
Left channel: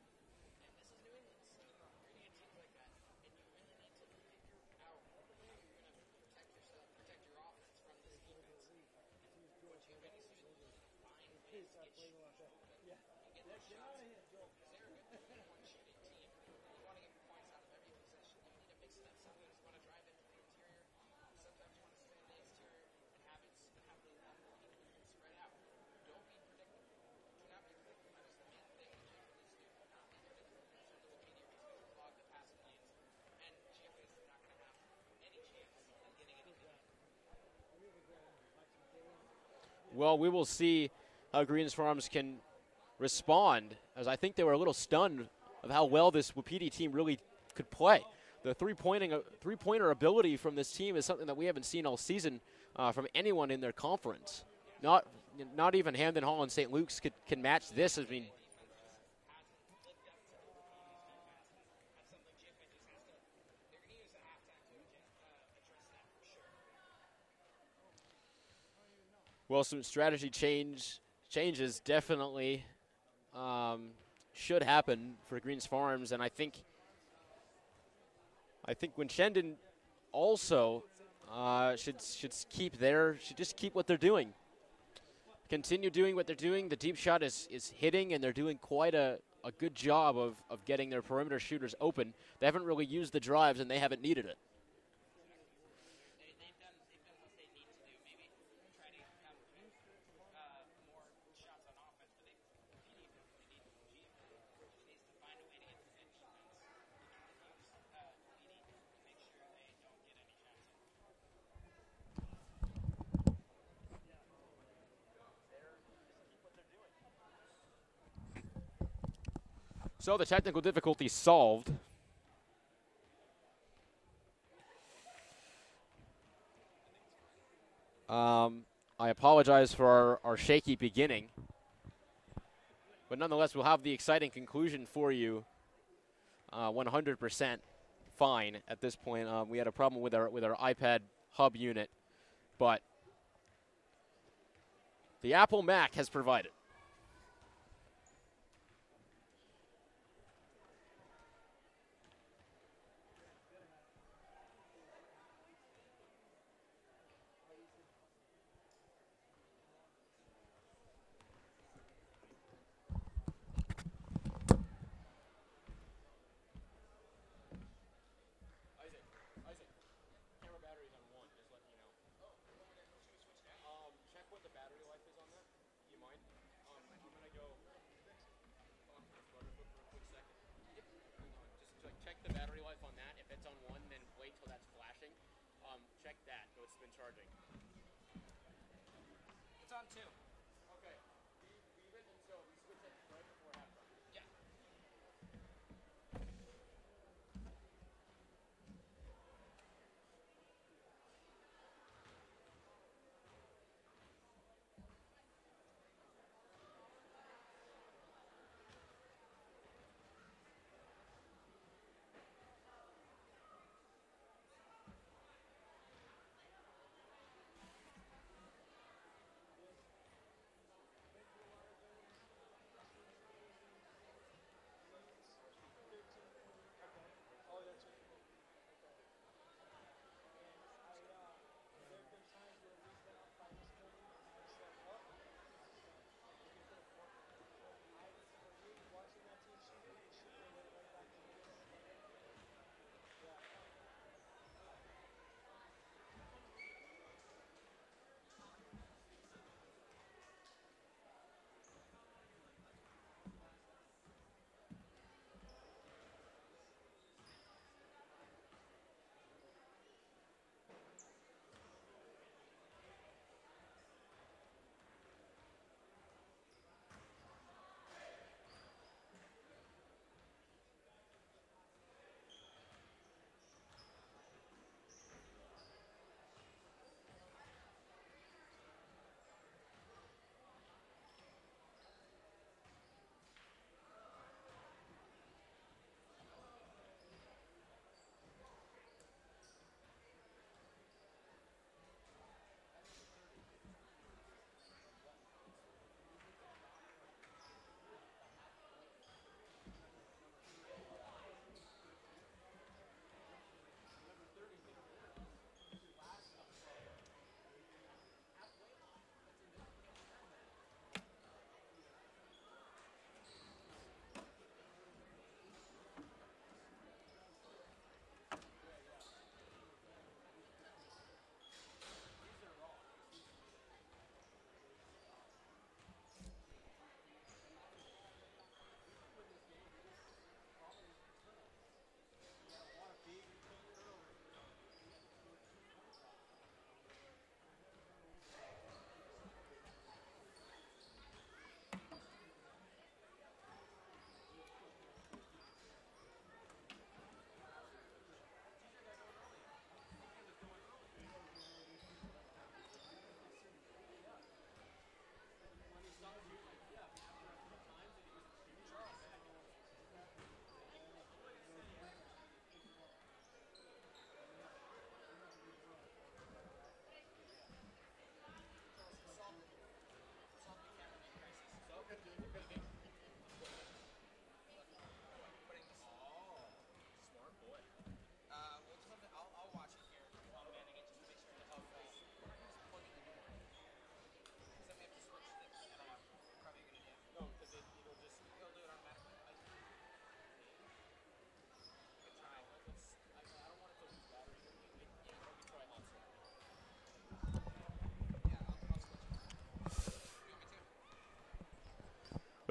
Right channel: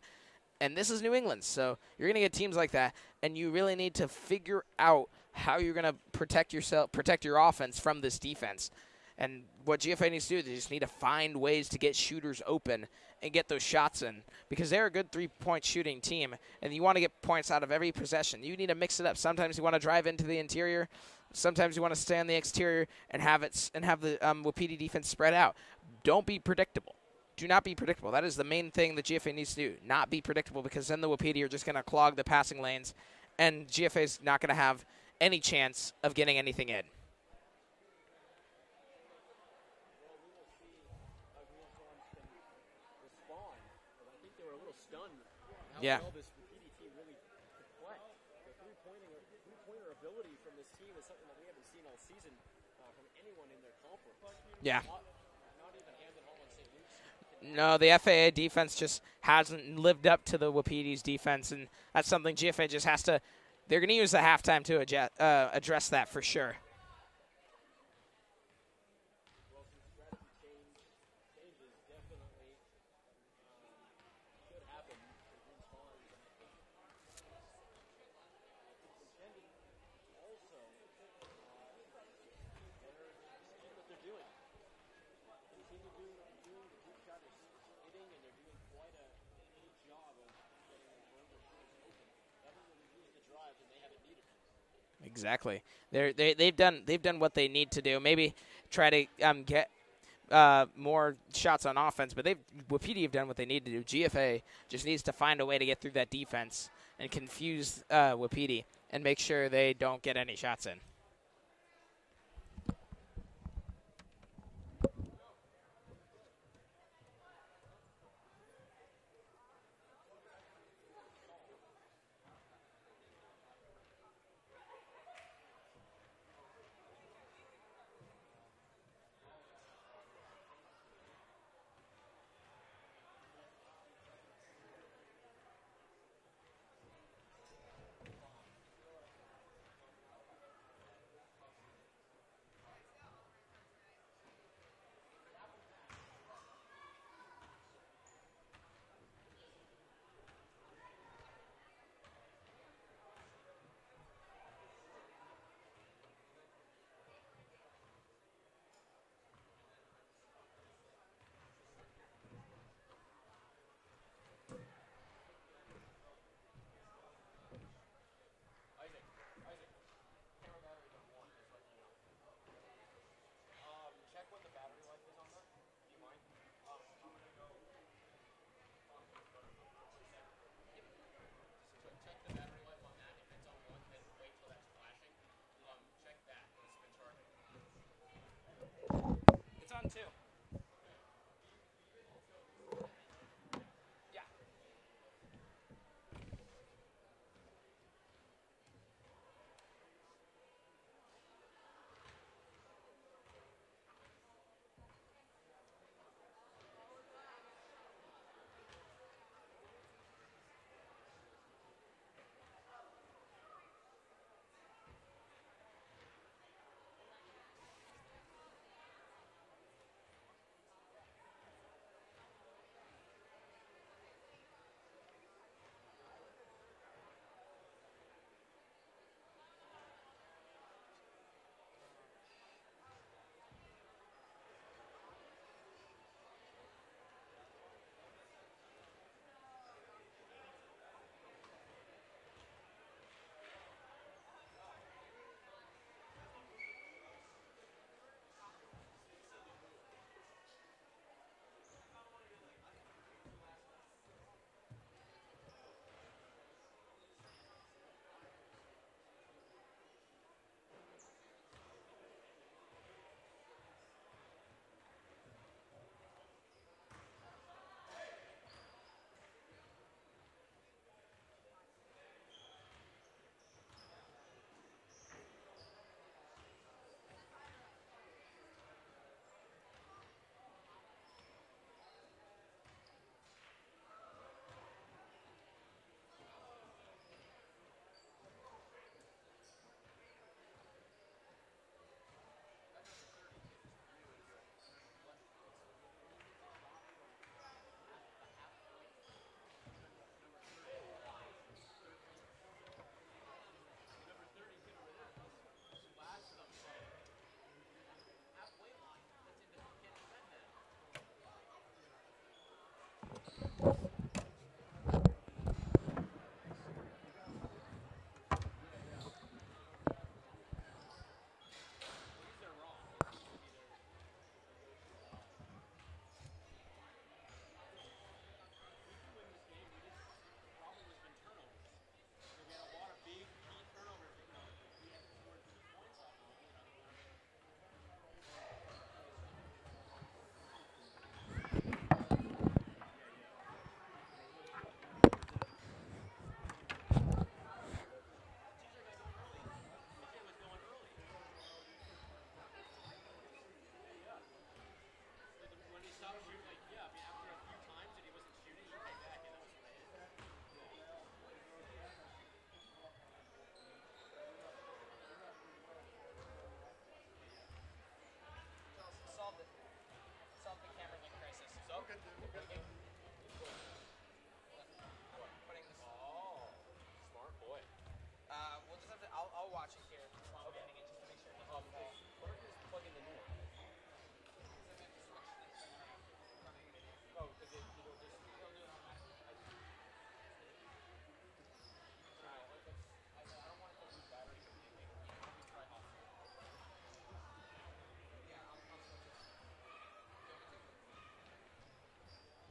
and this is New England, so you're going to get teams like that, and you really need to figure out how you're going to protect your offense from this defense. And what GFA needs to do is they just need to find ways to get shooters open and get those shots in because they're a good three-point shooting team, and you want to get points out of every possession. You need to mix it up. Sometimes you want to drive into the interior. Sometimes you want to stay on the exterior and have the Wapiti defense spread out. Don't be predictable. Do not be predictable. That is the main thing that GFA needs to do. Not be predictable because then the Wapiti are just going to clog the passing lanes, and GFA is not going to have any chance of getting anything in. Well, we will see how Greens Farms can respond, as I think they were a little stunned of how well this Wapiti team really could play. The three-pointer ability from this team is something that we haven't seen all season from anyone in their conference. Yeah. Not even Hamden Hall and St. Luke's can match No, this. the FAA defense just hasn't lived up to the Wapiti's defense, and that's something GFA just has to – they're going to use the halftime to address that for sure. Well, some strategy changes definitely should happen for Greens Farms, and I think winchendon also should just keep what they're doing. Continue doing what they're doing. The deep shot is hitting, and they're doing quite a good job of getting their perimeter shooters open. They haven't really used the drives, and they haven't needed it. Exactly. They've done what they need to do. Maybe try to get more shots on offense, but Wapiti have done what they need to do. GFA just needs to find a way to get through that defense and confuse Wapiti and make sure they don't get any shots in. So the technical difficulty solved. I apologize for our shaky beginning, but nonetheless, we'll have the exciting conclusion for you. 100% fine at this point. We had a problem with our iPad hub unit, but the Apple Mac has provided.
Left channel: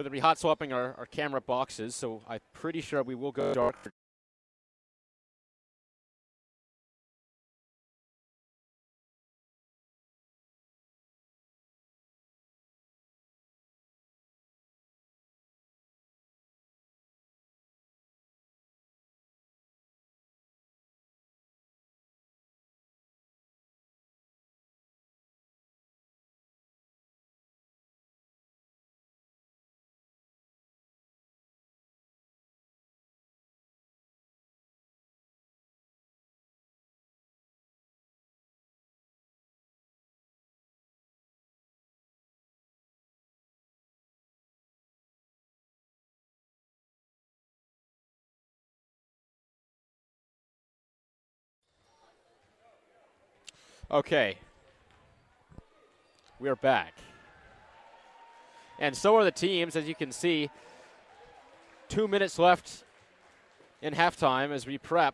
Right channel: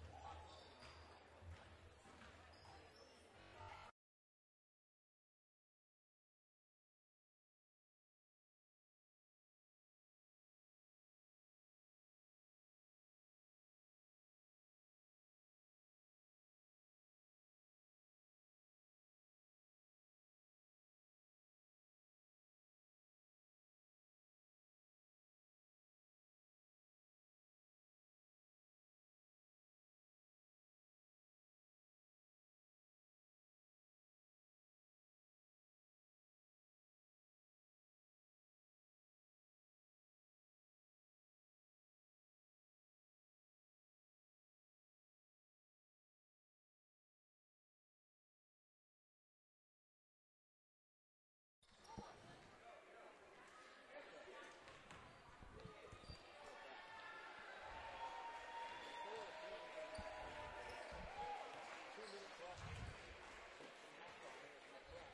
We're going to be hot swapping our camera boxes, so I'm pretty sure we will go dark. Okay. We are back. And so are the teams, as you can see. 2 minutes left in halftime as we prep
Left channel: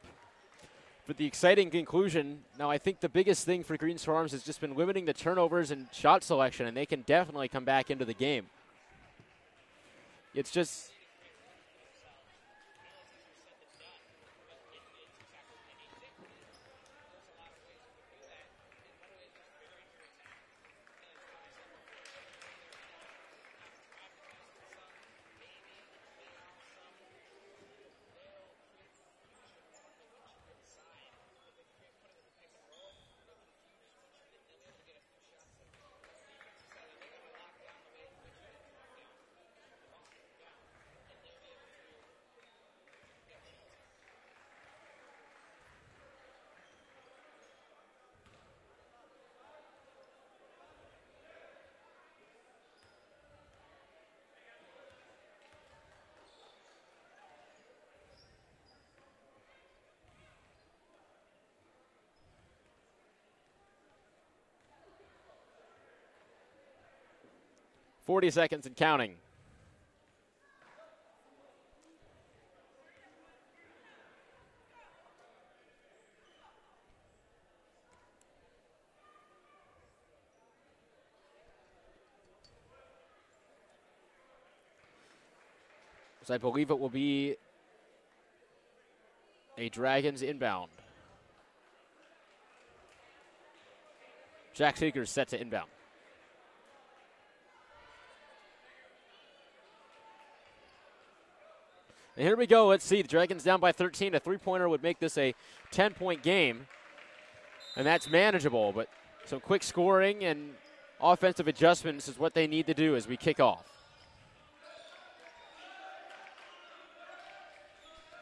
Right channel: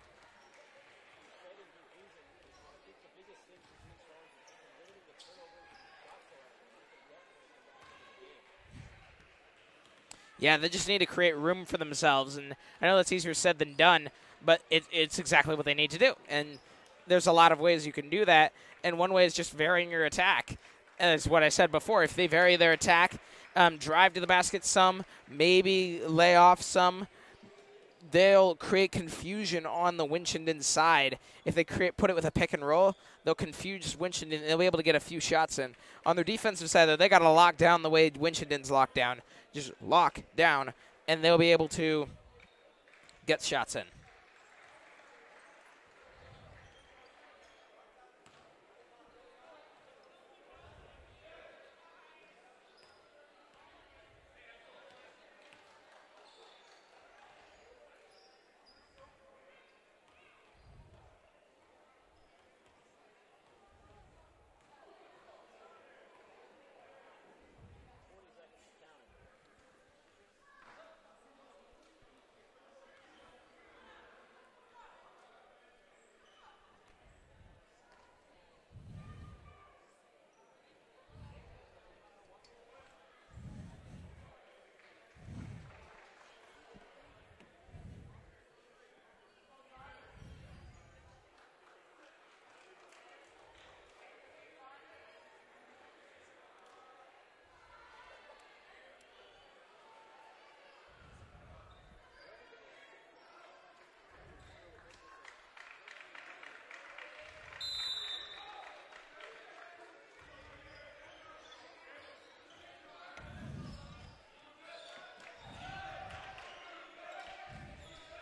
for the exciting conclusion. Now, I think the biggest thing for Green Swarms has just been limiting the turnovers and shot selection, and they can definitely come back into the game. They just need to create room for themselves. And I know that's easier said than done, but it's exactly what they need to do. And there's a lot of ways you can do that. And one way is just varying your attack. As what I said before, if they vary their attack, drive to the basket some, maybe lay off some, they'll create confusion on the Winchendon side. If they put it with a pick and roll, they'll confuse Winchendon, and they'll be able to get a few shots in. On their defensive side, though, they got to lock down the way Winchendon's locked down. Just lock down, and they'll be able to get shots in. .40 seconds and counting. So I believe it will be a Dragons inbound. Jack Seeker is set to inbound. And here we go. Let's see. The Dragons down by 13. A three-pointer would make this a 10-point game. And that's manageable. But some quick scoring and offensive adjustments is what they need to do as we kick off.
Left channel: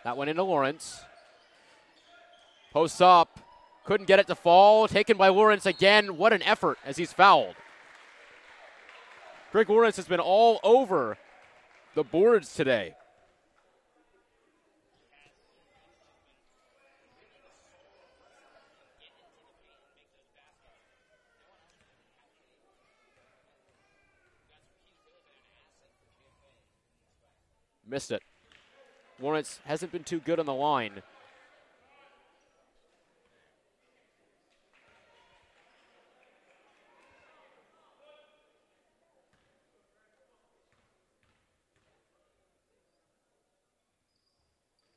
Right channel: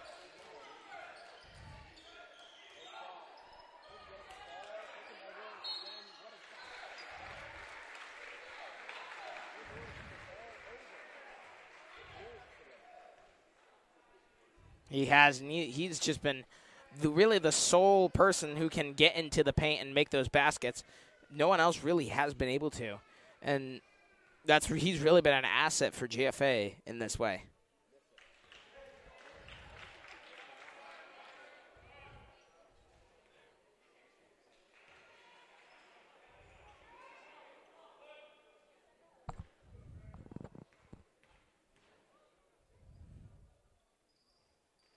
That went into Lawrence. Posts up. Couldn't get it to fall. Taken by Lawrence again. What an effort as he's fouled. Greg Lawrence has been all over the boards today. He has, and he's just been really the sole person who can get into the paint and make those baskets. No one else really has been able to. And he's really been an asset for GFA in this way. Missed it. Lawrence hasn't been too good on the line.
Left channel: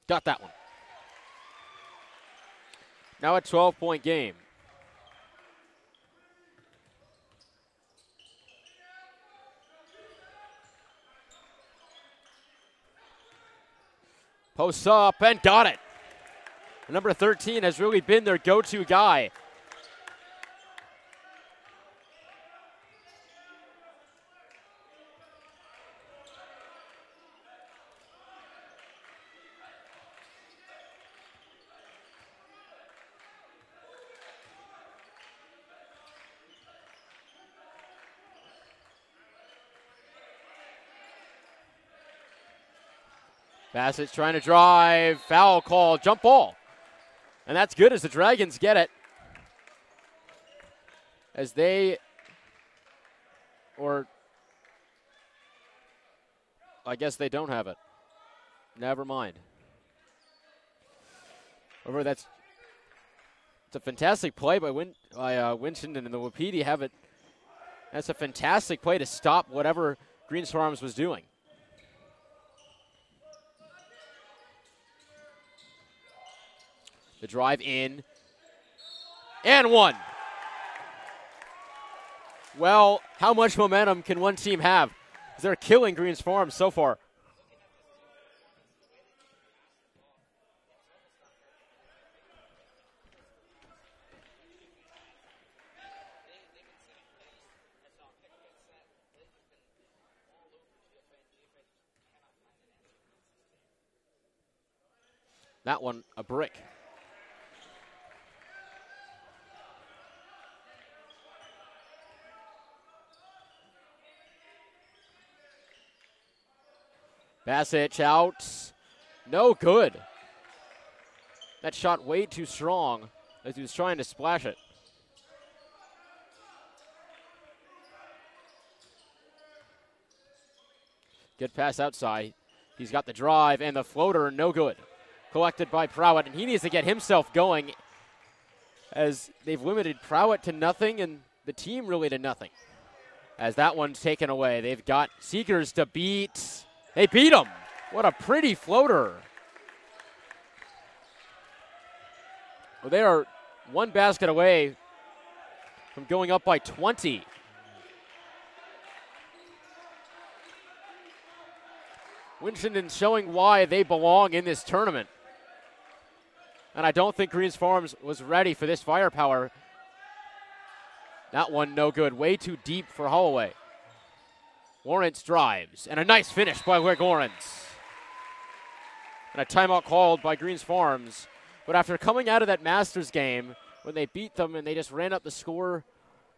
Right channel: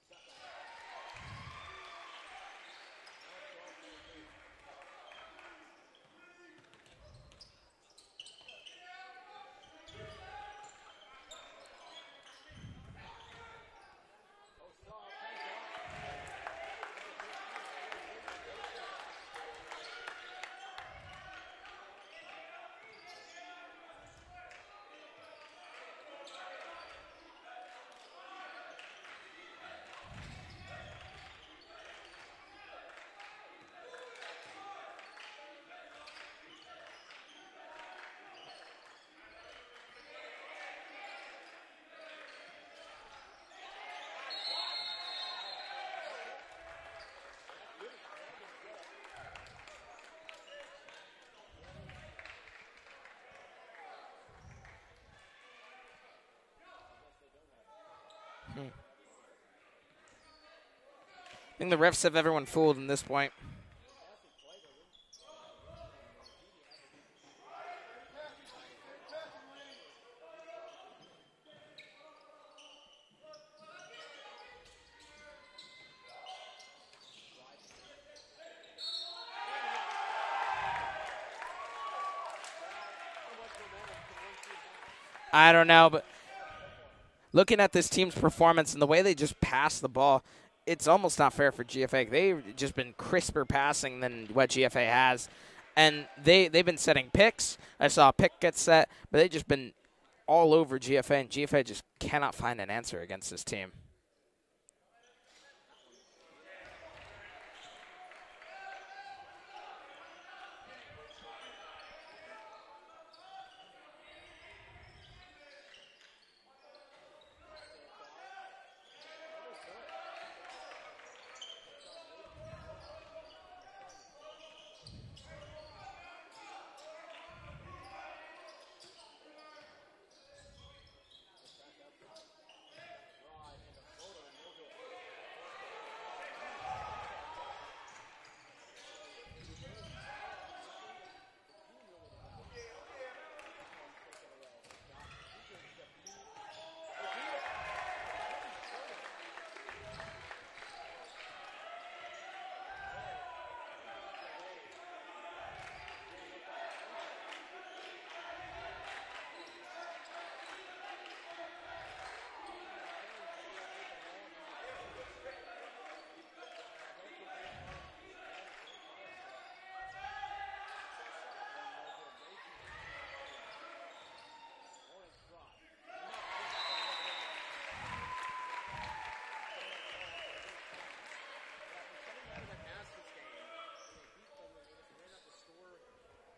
Got that one. Now a 12-point game. Posts up and got it. Number 13 has really been their go-to guy. Bassett's trying to drive, foul call, jump ball. And that's good as the Dragons get it. As I guess they don't have it. Never mind. I think the refs have everyone fooled in this point. It's a fantastic play by Winchendon, and the Wapiti have it. That's a fantastic play to stop whatever Green Swarms was doing. drive in. And one. Well, how much momentum can one team have? I don't know. Killing Greens Farm so far. Looking at this team's performance and the way they just pass the ball, it's almost not fair for GFA. They've just been crisper passing than what GFA has. And they've been setting picks. I saw a pick get set, but they've just been all over GFA, and GFA just cannot find an answer against this team. That one, a brick. Bassett out. No good. That shot way too strong as he was trying to splash it. Good pass outside. He's got the drive and the floater, no good. Collected by Prowett, and he needs to get himself going as they've limited Prowett to nothing and the team really to nothing. As that one's taken away, they've got Seekers to beat. They beat him. What a pretty floater. Well, they are one basket away from going up by 20. Winchendon showing why they belong in this tournament. And I don't think Greens Farms was ready for this firepower. That one no good. Way too deep for Holloway. Lawrence drives. And a nice finish by Greg Lawrence. And a timeout called by Greens Farms. But after coming out of that Masters game, when they beat them and they just ran up the score,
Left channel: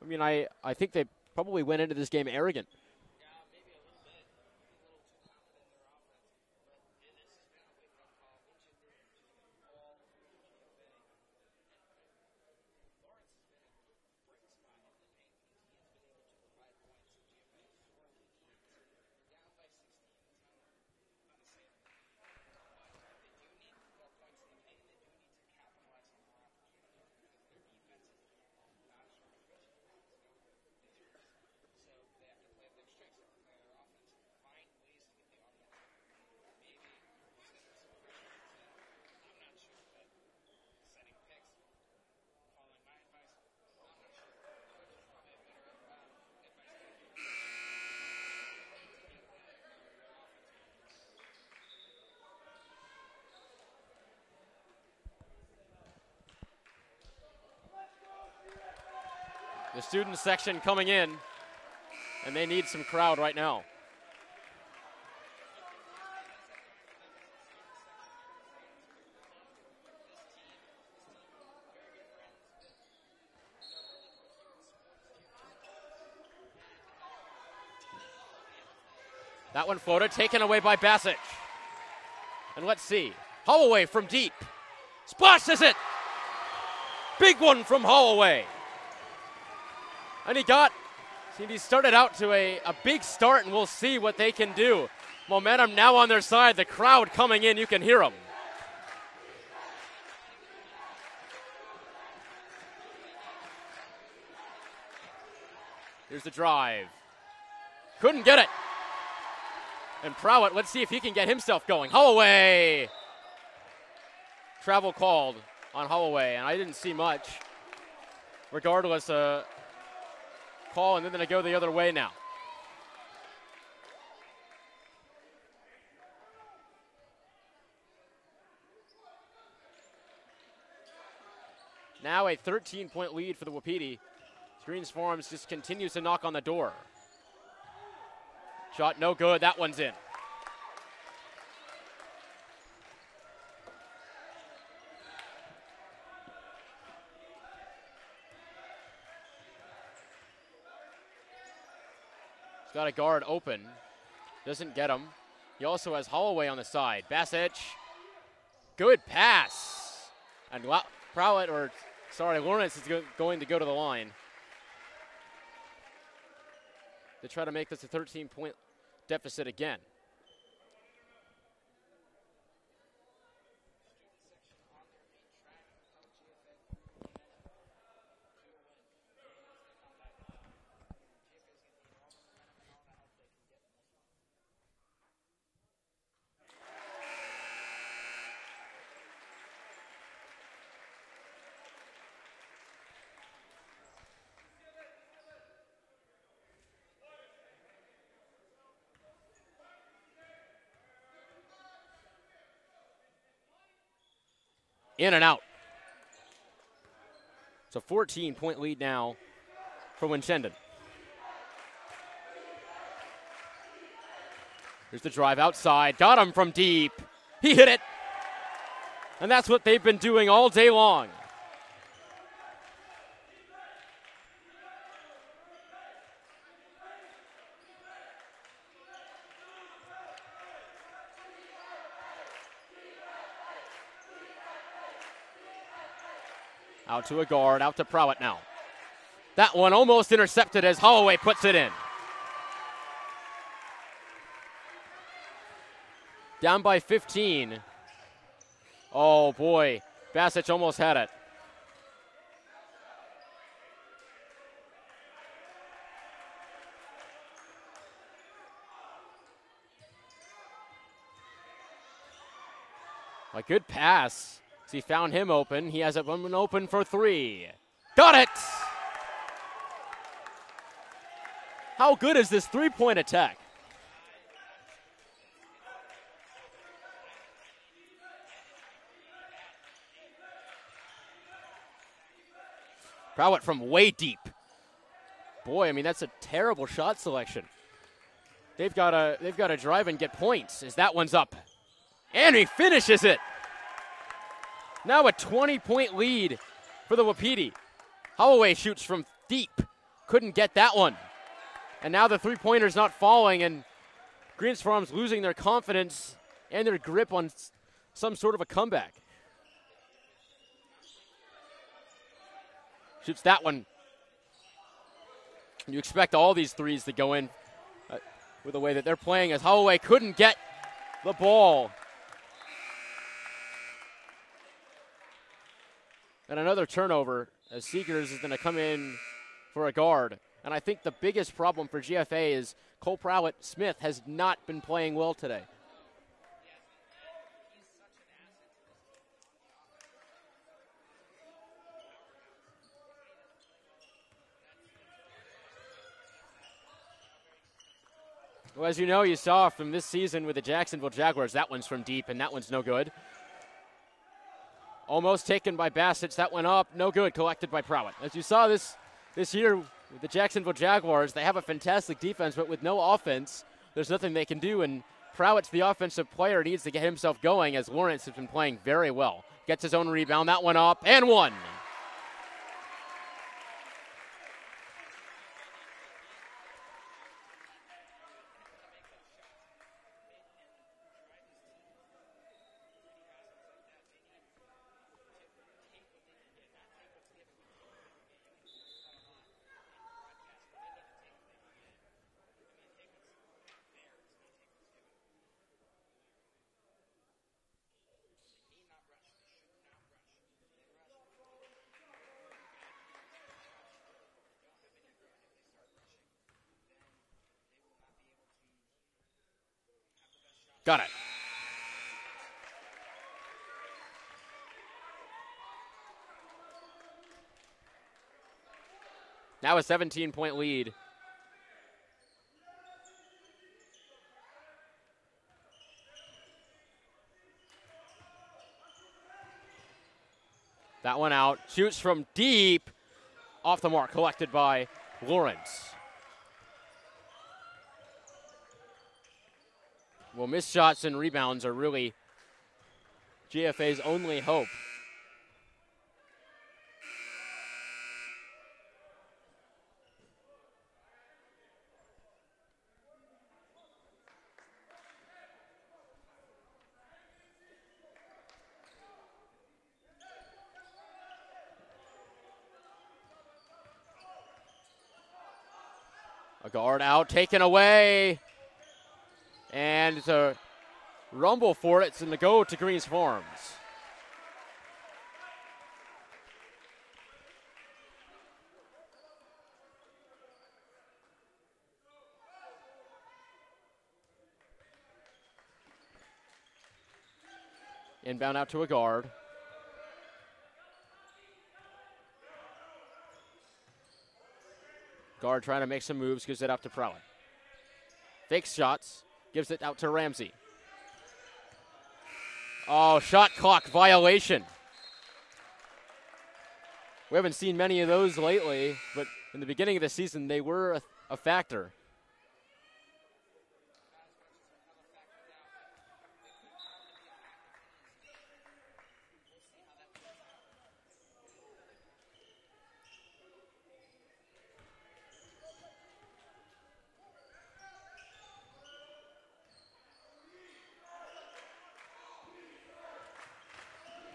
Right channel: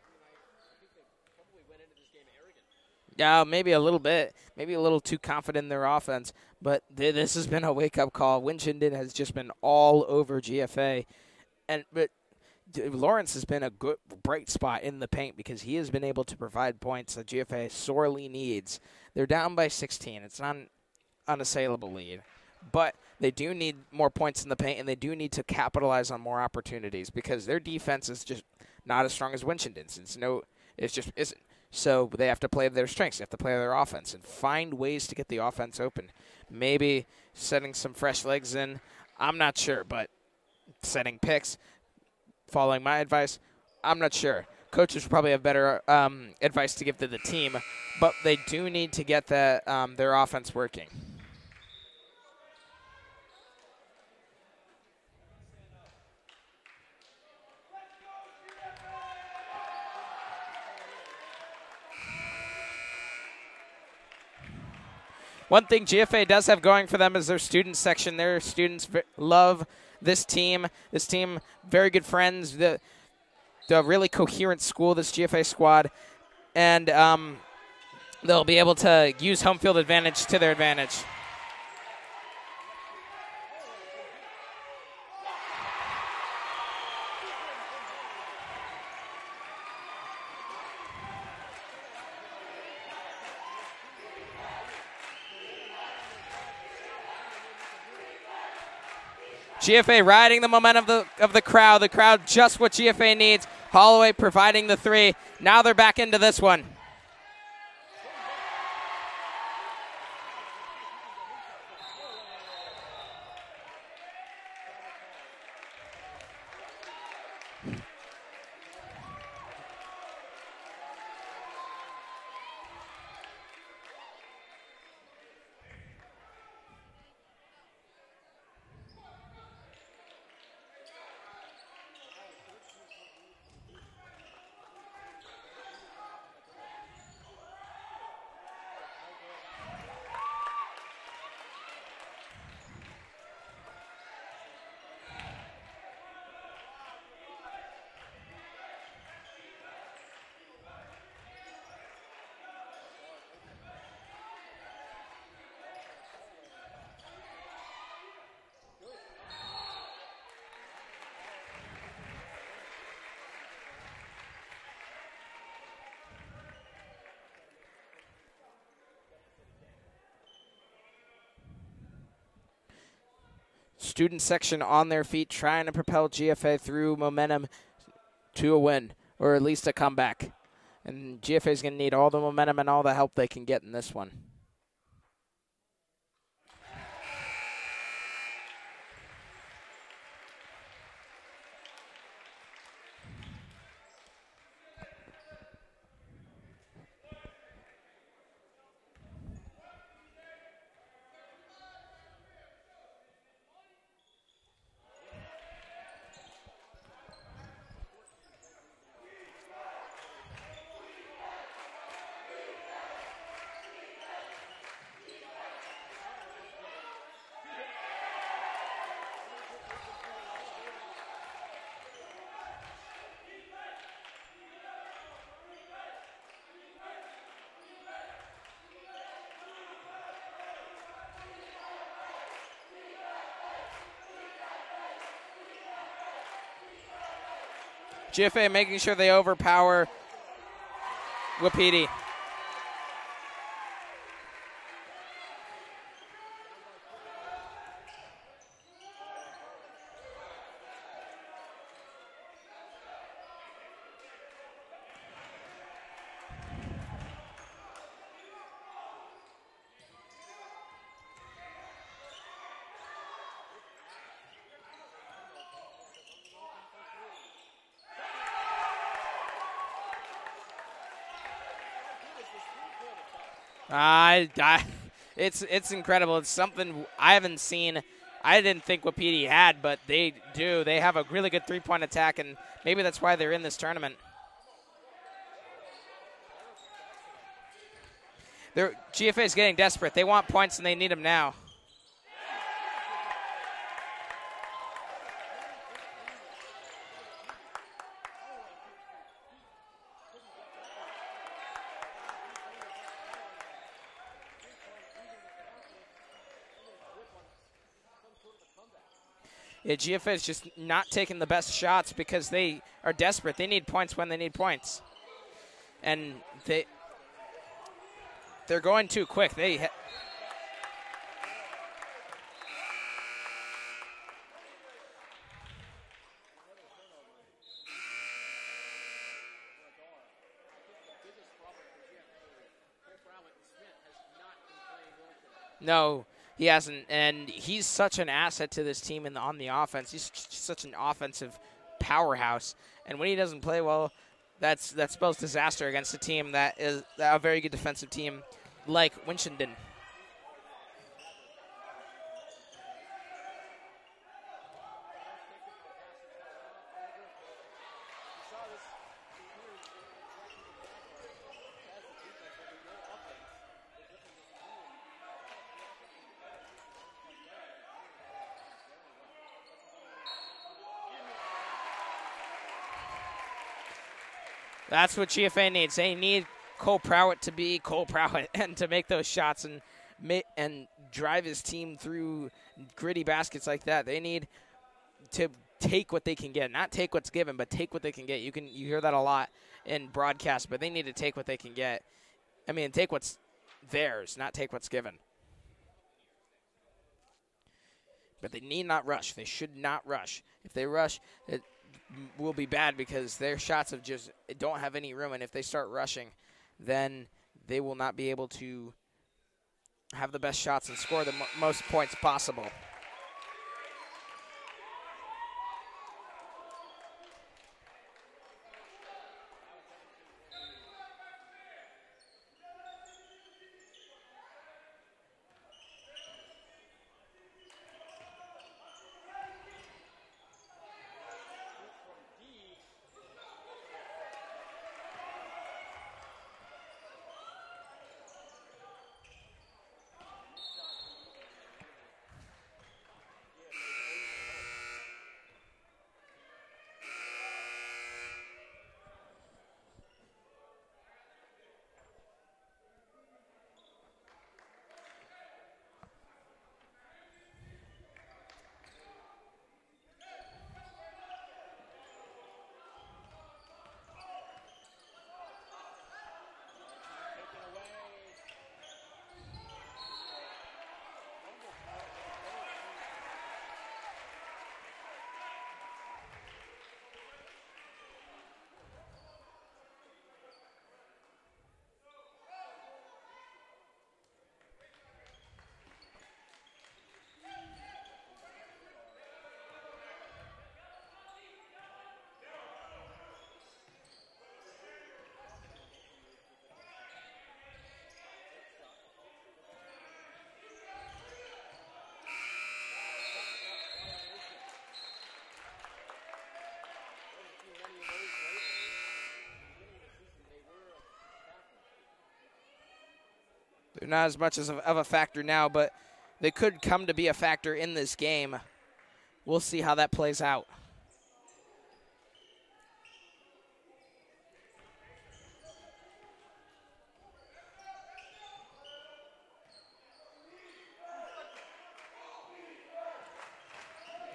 I mean, I think they probably went into this game arrogant. Yeah, maybe a little bit. Maybe a little too confident in their offense. But this has been a wake-up call. Winchendon has just been all over GFA. But Lawrence has been a good, bright spot in the paint because he has been able to provide points that GFA sorely needs. They're down by 16. It's not an unassailable lead. But they do need more points in the paint, and they do need to capitalize on more opportunities because their defense is just not as strong as Winchendon's. It just isn't. So they have to play their strengths. They have to play their offense and find ways to get the offense open. Maybe setting some fresh legs in. I'm not sure, but setting picks, following my advice, I'm not sure. Coaches probably have better advice to give to the team, but they do need to get their offense working. The student section coming in, and they need some crowd right now. One thing GFA does have going for them is their student section. Their students love this team. This team, very good friends. The really coherent school, this GFA squad. And they'll be able to use home field advantage to their advantage. By Bassett. And let's see. Holloway from deep. Splashes it. Big one from Holloway. And he started out to a big start, and we'll see what they can do. Momentum now on their side. The crowd coming in. You can hear them. GFA riding the momentum of the crowd. The crowd just what GFA needs. Holloway providing the three. Now they're back into this one. Couldn't get it. And Prowett, let's see if he can get himself going. Holloway. Travel called on Holloway, and I didn't see much. Regardless, call, and then they go the other way now. Now a 13-point lead for the Wapiti. Greens Farms just continues to knock on the door. Shot no good. That one's in. Got a guard open. Doesn't get him. He also has Holloway on the side. Bassett. Good pass. And Lawrence is going to go to the line. They try to make this a 13-point deficit again. Student section on their feet trying to propel GFA through momentum to a win, or at least a comeback. And GFA is going to need all the momentum and all the help they can get in this one. in and out. It's a 14-point lead now for Winchendon. Here's the drive outside. Got him from deep. He hit it. And that's what they've been doing all day long. Out to a guard, out to Prowett GFA now. making sure they overpower. That one almost intercepted as Holloway puts it in. Down by 15. Oh, boy. Basic almost had it. A good pass. He found him open. He has it one open for three. Got it! How good is this three-point attack? It's incredible. It's something I haven't seen. I didn't think Wapiti had, but they do. They have a really good three-point attack, and maybe that's why they're in this from tournament. way deep. Boy, I mean, that's a terrible shot selection. GFA's getting desperate. They want points, and they need them now. Up. And he finishes it. Now a 20-point lead for the Wapiti. Holloway shoots from deep. Couldn't get that one. And now the three-pointer's not falling, and Greens Farm's losing their confidence and their grip on some sort of a comeback. Yeah, GFA is just not taking the best shots because they are desperate. They need points when they need points. You expect all these threes to go in. They're going too quick. As Holloway couldn't get the ball. And another turnover as Seegers is going to come in for a guard. And I think the biggest problem for GFA is Cole Prowett-Smith has not been playing well today. No, he hasn't. And he's such an asset to this team on the offense. He's such an offensive powerhouse. And when he doesn't play well, that spells disaster against a team that is a very good defensive team. Well, as you know, you saw from this season with the Jacksonville Jaguars, that one's from deep, and that one's no good. Almost taken by Bassett. That went up. No good. Collected by Prowett. As you saw this year with the Jacksonville Jaguars, they have a fantastic defense, but with no offense, there's nothing they can do. And Prowett's the offensive player. Needs to get himself going as Lawrence has been playing very well. Gets his own rebound. That one up. And one. That's what GFA needs. They need Cole Prowett to be Cole Prowett and to make those shots and drive his team through gritty baskets like that. They need to take what they can get, not take what's given, but take what they can get. You hear that a lot in broadcast, but they need to take what they can get. I mean, take what's theirs, not take what's given. But they need not rush. They should not rush. If they rush, it will be bad because their shots don't have any room, and if they start rushing, then they will not be able to have the best shots and score the most points possible. Now a 17-point lead. That one out. Shoots from deep. Off the mark. Collected by Lawrence. Well, missed shots and rebounds are really GFA's only hope. Guard out, taken away. And it's a rumble for it. It's in the go to Greens Farms. Inbound out to a guard. Guard trying to make some moves, gives it out to Prowett. Fakes shots, gives it out to Ramsey. Oh, shot clock violation. We haven't seen many of those lately, but in the beginning of the season, they were a factor. They're not as much of a factor now, but they could come to be a factor in this game. We'll see how that plays out.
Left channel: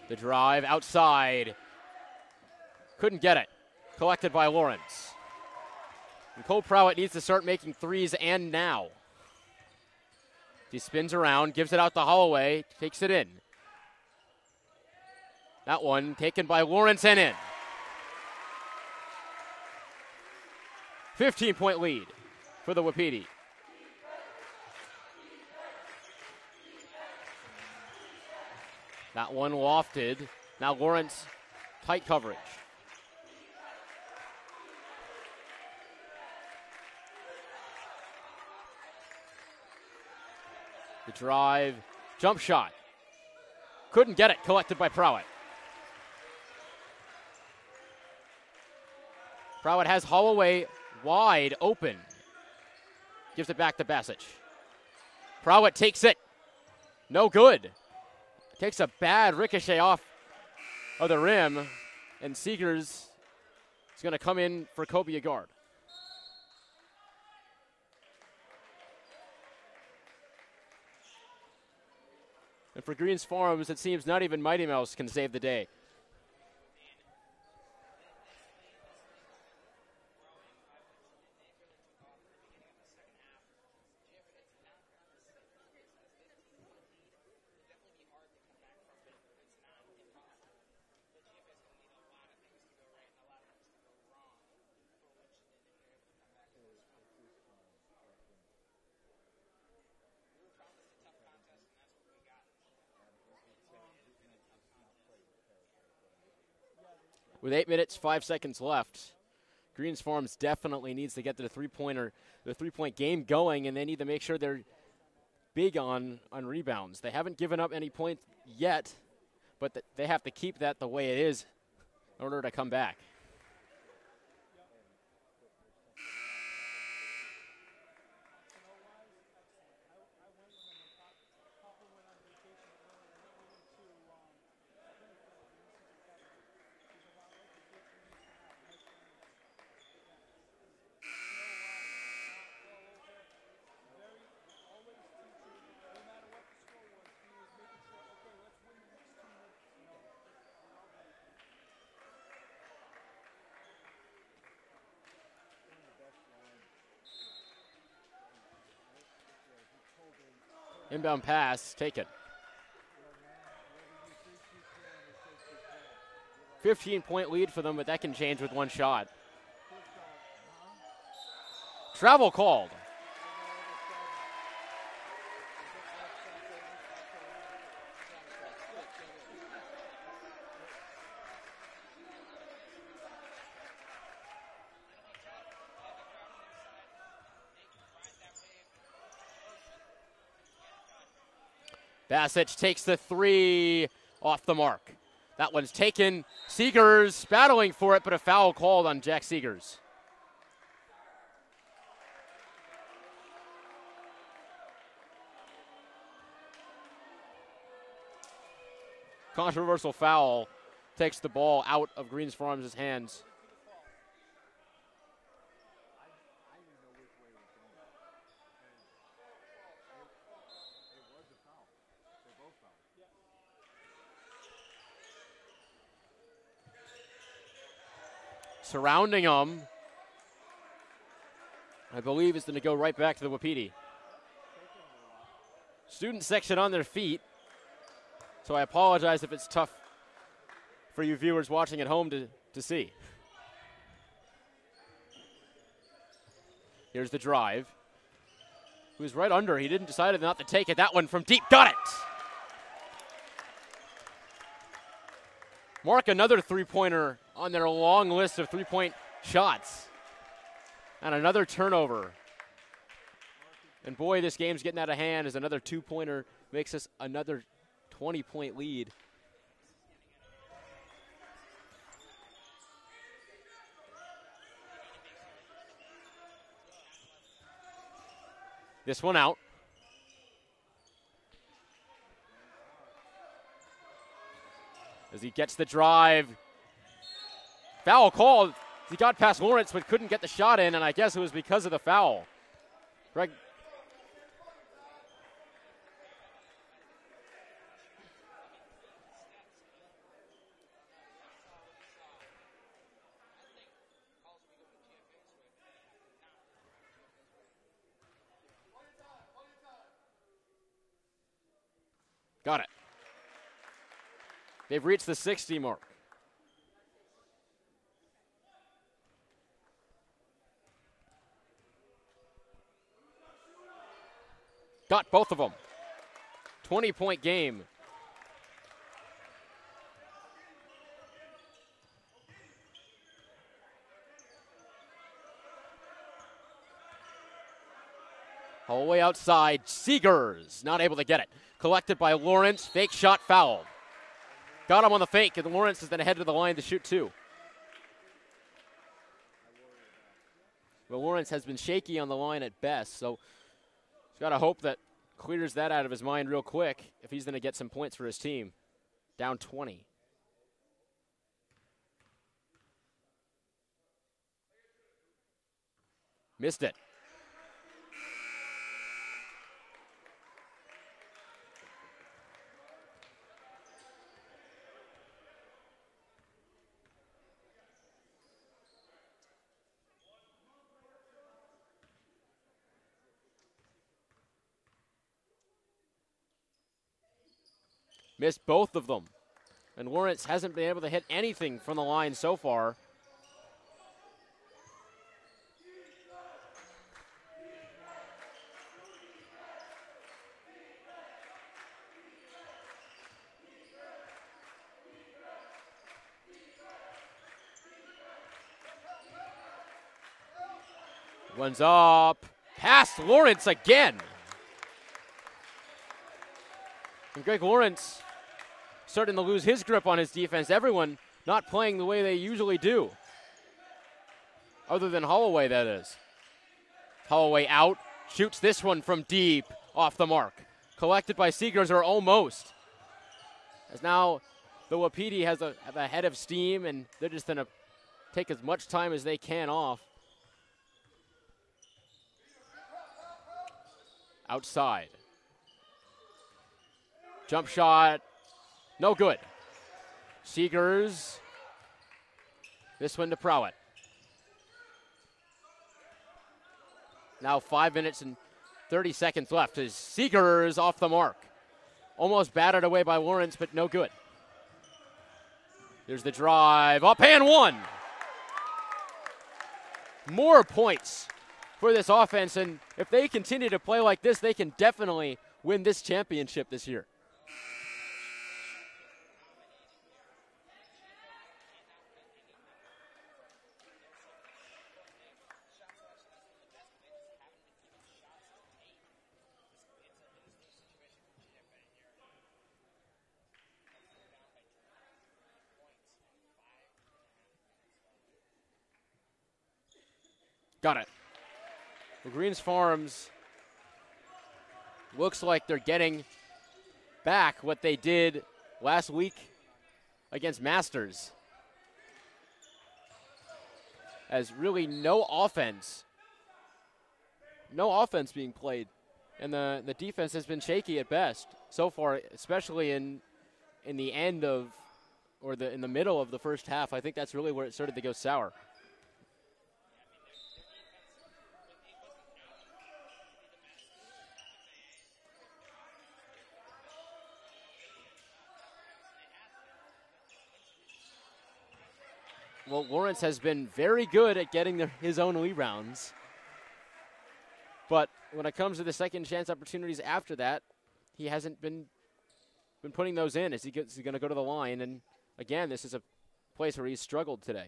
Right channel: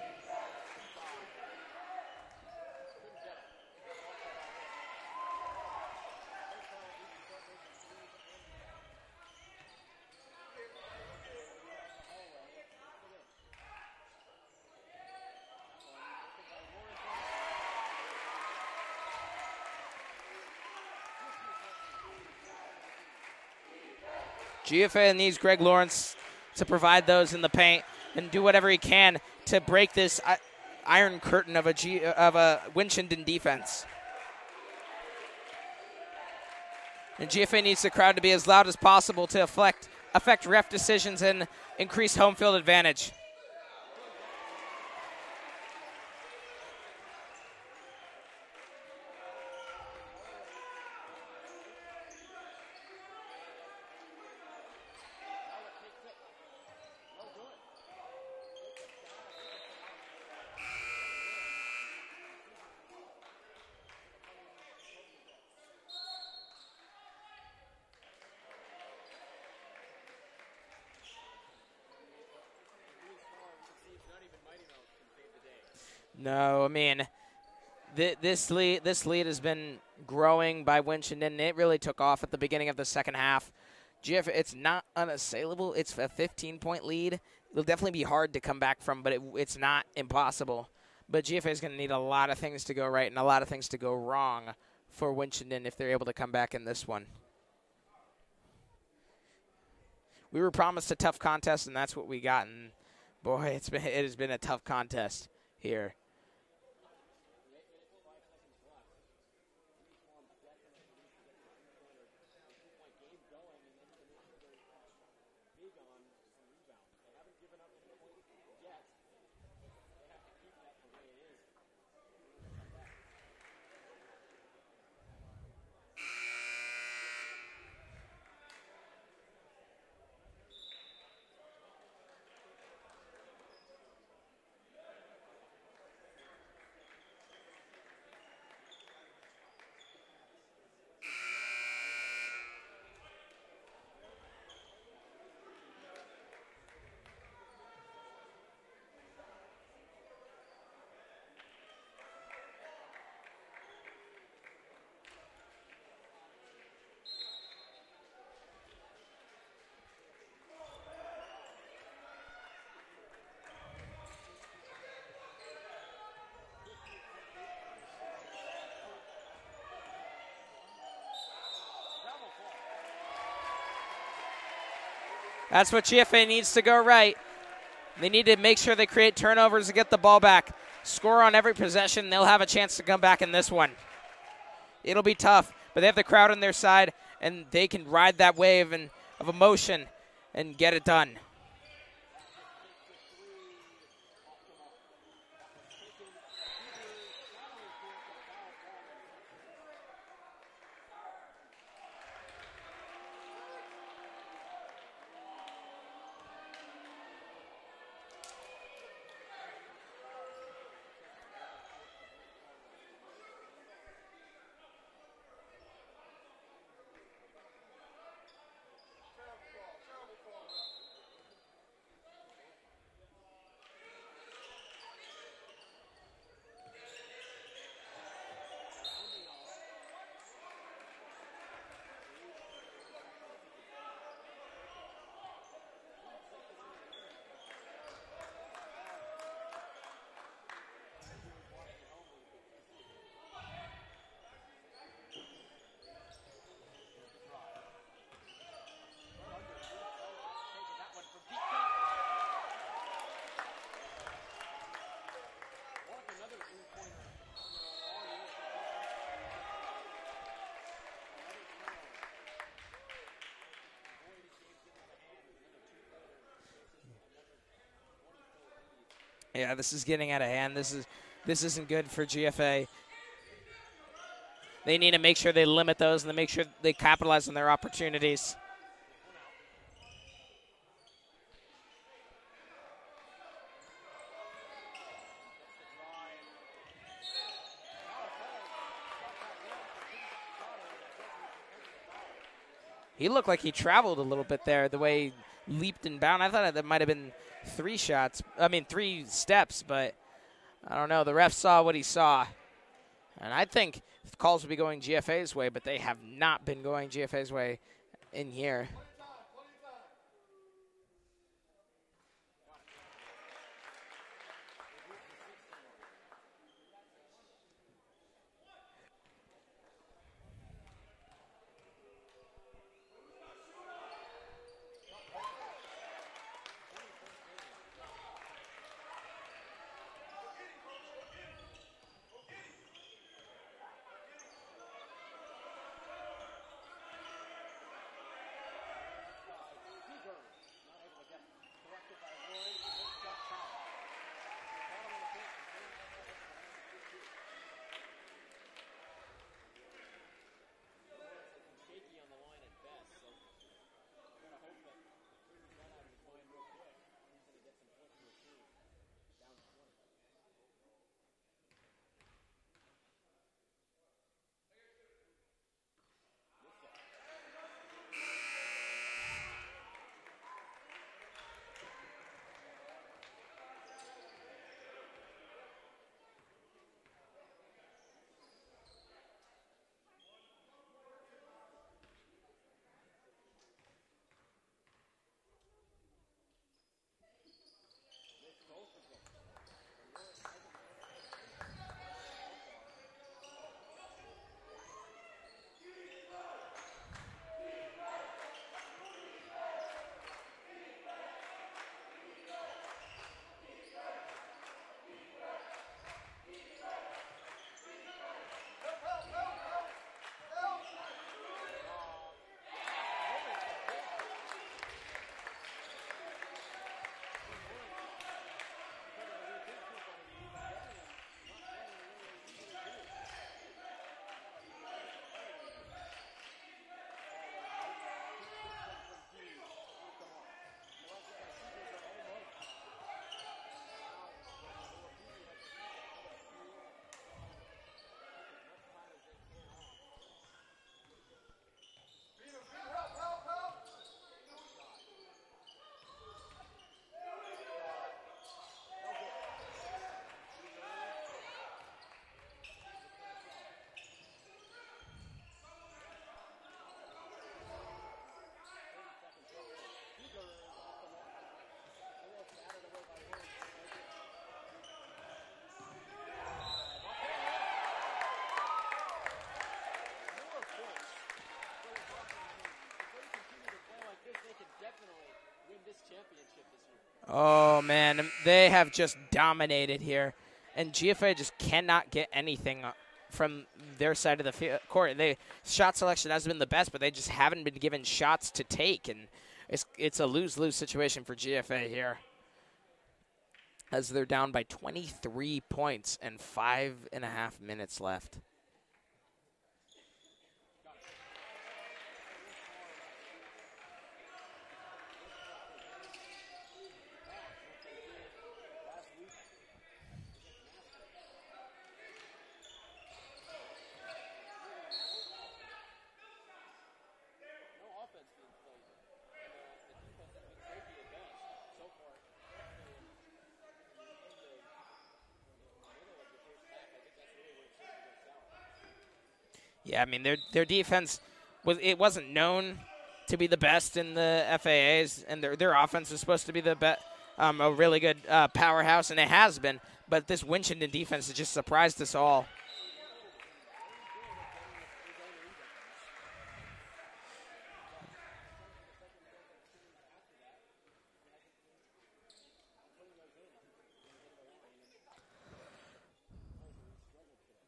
The drive outside. Couldn't get it. Collected by Lawrence. And Cole Prowett needs to start making threes, and now. He spins around, gives it out to Holloway, takes it in. That one taken by Lawrence and in. 15-point lead for the Wapiti. GFA needs Greg Lawrence to provide those in the paint and do whatever he can to break this iron curtain of a winchendon defense. And GFA needs the crowd to be as loud as possible to affect ref decisions and increase home field advantage. Couldn't get it. Collected by Prowett. Prowett has Holloway wide open. Gives it back to Basic. Prowett takes it. No good. Takes a bad ricochet off of the rim, and Seegers is going to come in for Kobe Agard. And for Greens Farms, it seems not even Mighty Mouse can save the day. No, I mean, this lead has been growing by Winchendon, and it really took off at the beginning of the second half. GFA, it's not unassailable. It's a 15-point lead. It'll definitely be hard to come back from, but it's not impossible. But GFA is going to need a lot of things to go right and a lot of things to go wrong for Winchendon if they're able to come back in this one. We were promised a tough contest, and that's what we got. And boy, it has been a tough contest here. With 8 minutes, 5 seconds left, Greens Farms definitely needs to get to the three-point game going, and they need to make sure they're big on rebounds. They haven't given up any points yet, but they have to keep that the way it is in order to come back. Inbound pass, take it. 15-point lead for them, but that can change with one shot. Travel called. That's what GFA needs to go right. They need to make sure they create turnovers to get the ball back. Score on every possession. They'll have a chance to come back in this one. It'll be tough, but they have the crowd on their side, and they can ride that wave of emotion and get it done. Basic takes the three off the mark. That one's taken. Seegers battling for it, but a foul called on Jack Seegers. Controversial foul takes the ball out of Greens Farms' hands. Surrounding them, I believe, is going to go right back to the Wapiti. Student section on their feet, so I apologize if it's tough for you viewers watching at home to see. Here's the drive. He was right under. He didn't decide not to take it. That one from deep. Got it! Mark another three-pointer on their long list of three-point shots. And another turnover. And boy, this game's getting out of hand as another two-pointer makes us another 20-point lead. Yeah, this is getting out of hand. This isn't good for GFA. they need to make sure they limit those and they make sure they capitalize on their opportunities. This one out. As he gets the drive. Foul called. He got past Lawrence but couldn't get the shot in, and I guess it was because of the foul. He looked like he traveled a little bit there, the way he leaped and bound. I thought that might have been 3 steps, but I don't know. The ref saw what he saw. And I think the calls would be going GFA's way, but they have not been going GFA's way in here. Got it. They've reached the 60 mark. Got both of them. 20-point game. Holloway outside. Seegers not able to get it. Collected by Lawrence. Fake shot foul. Got him on the fake, and Lawrence is then ahead to the line to shoot 2. Well, Lawrence has been shaky on the line at best, so he's got to hope that clears that out of his mind real quick if he's going to get some points for his team. Down 20. Missed it. Missed both of them. And Lawrence hasn't been able to hit anything from the line so far. Runs up. Past Lawrence again. And Greg Lawrence starting to lose his grip on his defense. Everyone not playing the way they usually do. Other than Holloway, that is. Holloway out. Shoots this one from deep. Off the mark. Collected by Seegers, or almost. As now the Wapiti have a head of steam, and they're just going to take as much time as they can off. Outside. Jump shot, no good. Seegers, this one to Prowett. Now 5 minutes and 30 seconds left as Seegers off the mark. Almost battered away by Lawrence, but no good. There's the drive, up and one. More points for this offense, and if they continue to play like this, they can definitely win this championship this year. Oh, man, they have just dominated here, and GFA just cannot get anything from their side of the court. Shot selection hasn't been the best, but they just haven't been given shots to take, and it's a lose-lose situation for GFA here as they're down by 23 points and 5.5 minutes left. Got it. The Greens Farms looks like they're getting back what they did last week against Masters. As really no offense being played. And the defense has been shaky at best so far, especially in the end of, or in the middle of the first half. I think that's really where it started to go sour. Yeah, I mean, their defense, it wasn't known to be the best in the FAAs, and their offense is supposed to be a really good powerhouse, and it has been. But this winchendon defense has just surprised us all. Well, Lawrence has been very good at getting his own rebounds. But when it comes to the second chance opportunities after that, he hasn't been putting those in. Is he going to go to the line? And again, this is a place where he's struggled today.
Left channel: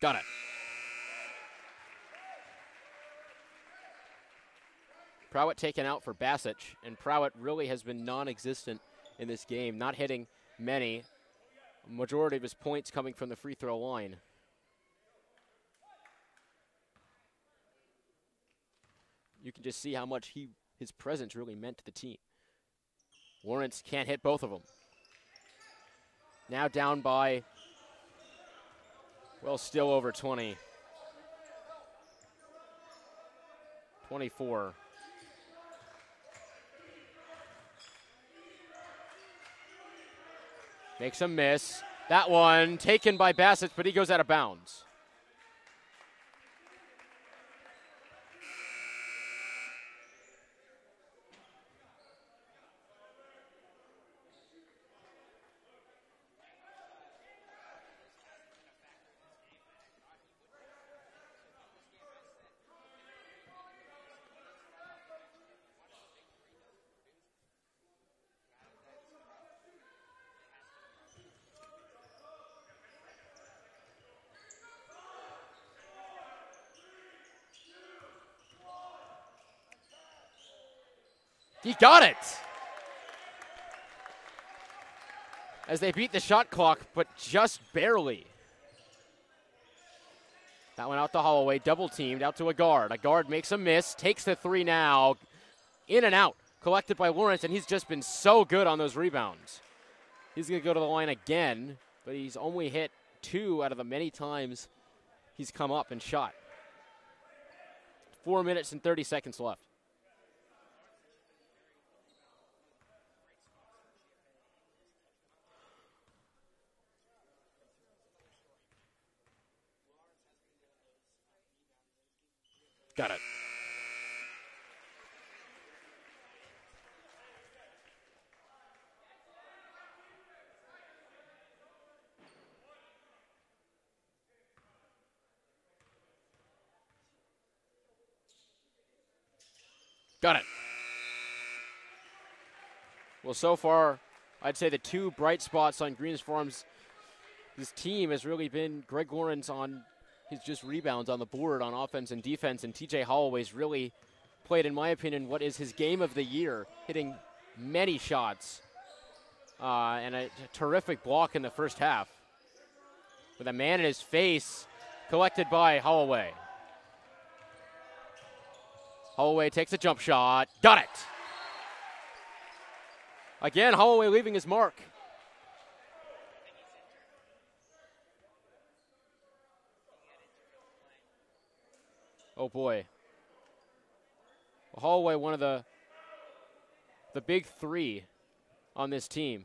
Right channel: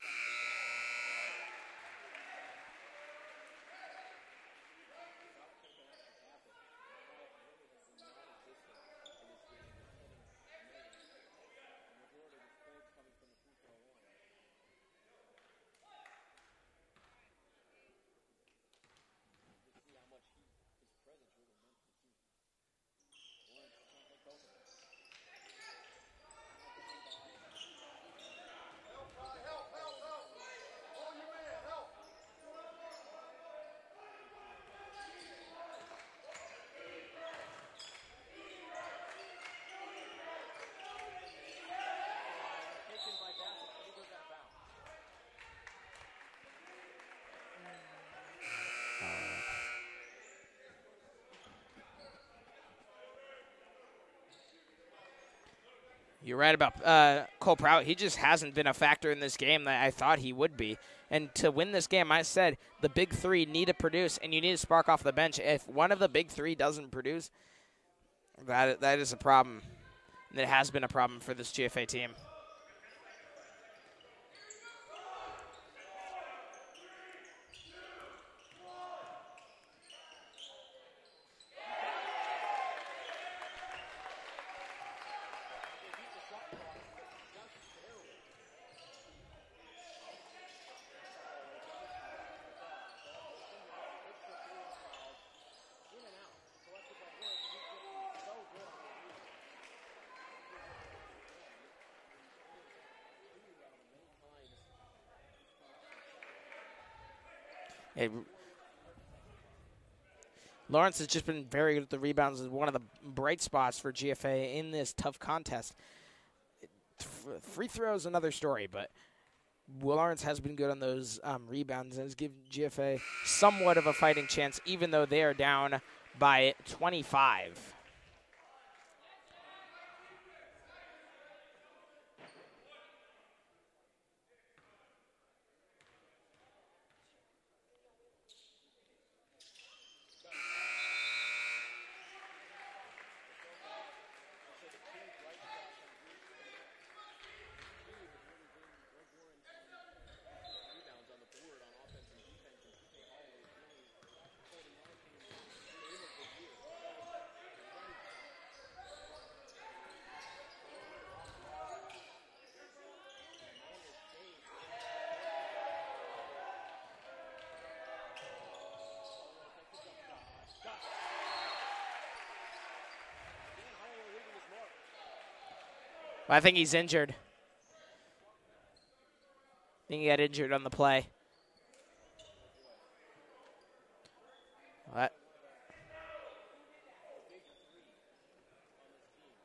Got it. Prowett taken out for Basic, and Prowett really has been non-existent in this game, not hitting many. Majority of his points coming from the free throw line. You can just see how much his presence really meant to the team. Lawrence can't hit both of them. Now down by, well, still over 20. 24. Makes a miss. That one taken by Bassett, but he goes out of bounds. You're right about Cole Prowett. He just hasn't been a factor in this game that I thought he would be. And to win this game, I said the big three need to produce, and you need to spark off the bench. If one of the big three doesn't produce, that is a problem. And it has been a problem for this GFA team. He got it! As they beat the shot clock, but just barely. That one out to Holloway, double teamed, out to a guard. A guard makes a miss, takes the three now. In and out, collected by Lawrence, and he's just been so good on those rebounds. He's gonna go to the line again, but he's only hit 2 out of the many times he's come up and shot. 4 minutes and 30 seconds left. Lawrence has just been very good at the rebounds. Is one of the bright spots for GFA in this tough contest. Free throws, another story, but Lawrence has been good on those rebounds and has given GFA somewhat of a fighting chance, even though they are down by 25. Got it. Well, so far, I'd say the two bright spots on Greens Farms, this team has really been Greg Lawrence on his just rebounds on the board on offense and defense, and TJ Holloway's really played, in my opinion, what is his game of the year, hitting many shots and a terrific block in the first half. With a man in his face, collected by Holloway. Holloway takes a jump shot. Got it. Again, Holloway leaving his mark. I think he's injured. I think he got injured on the play. Oh, boy. Holloway, one of the big three on this team.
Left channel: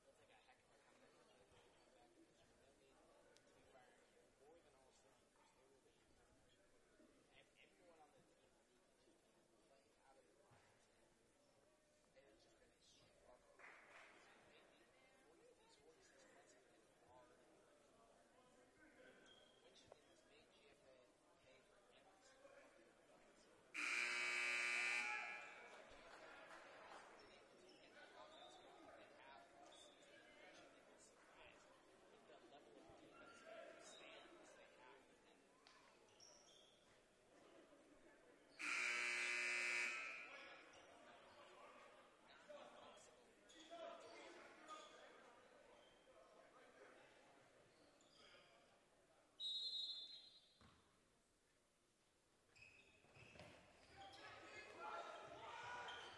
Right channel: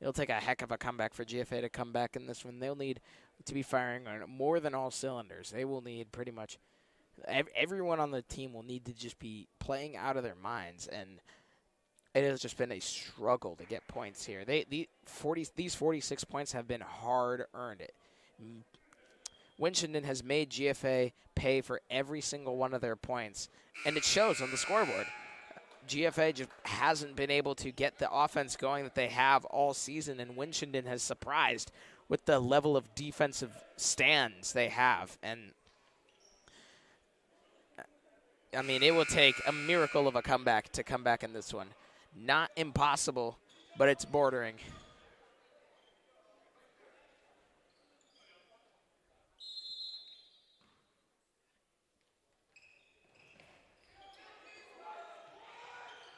It'll take a heck of a comeback for GFA to come back in this one. They'll need to be firing on more than all cylinders. They will need pretty much everyone on the team will need to just be playing out of their minds, and it has just been a struggle to get points here. These 46 points have been hard-earned. Winchendon has made GFA pay for every single one of their points, and it shows on the scoreboard. GFA just hasn't been able to get the offense going that they have all season, and Winchendon has surprised with the level of defensive stands they have. And, I mean, it will take a miracle of a comeback to come back in this one. Not impossible, but it's bordering.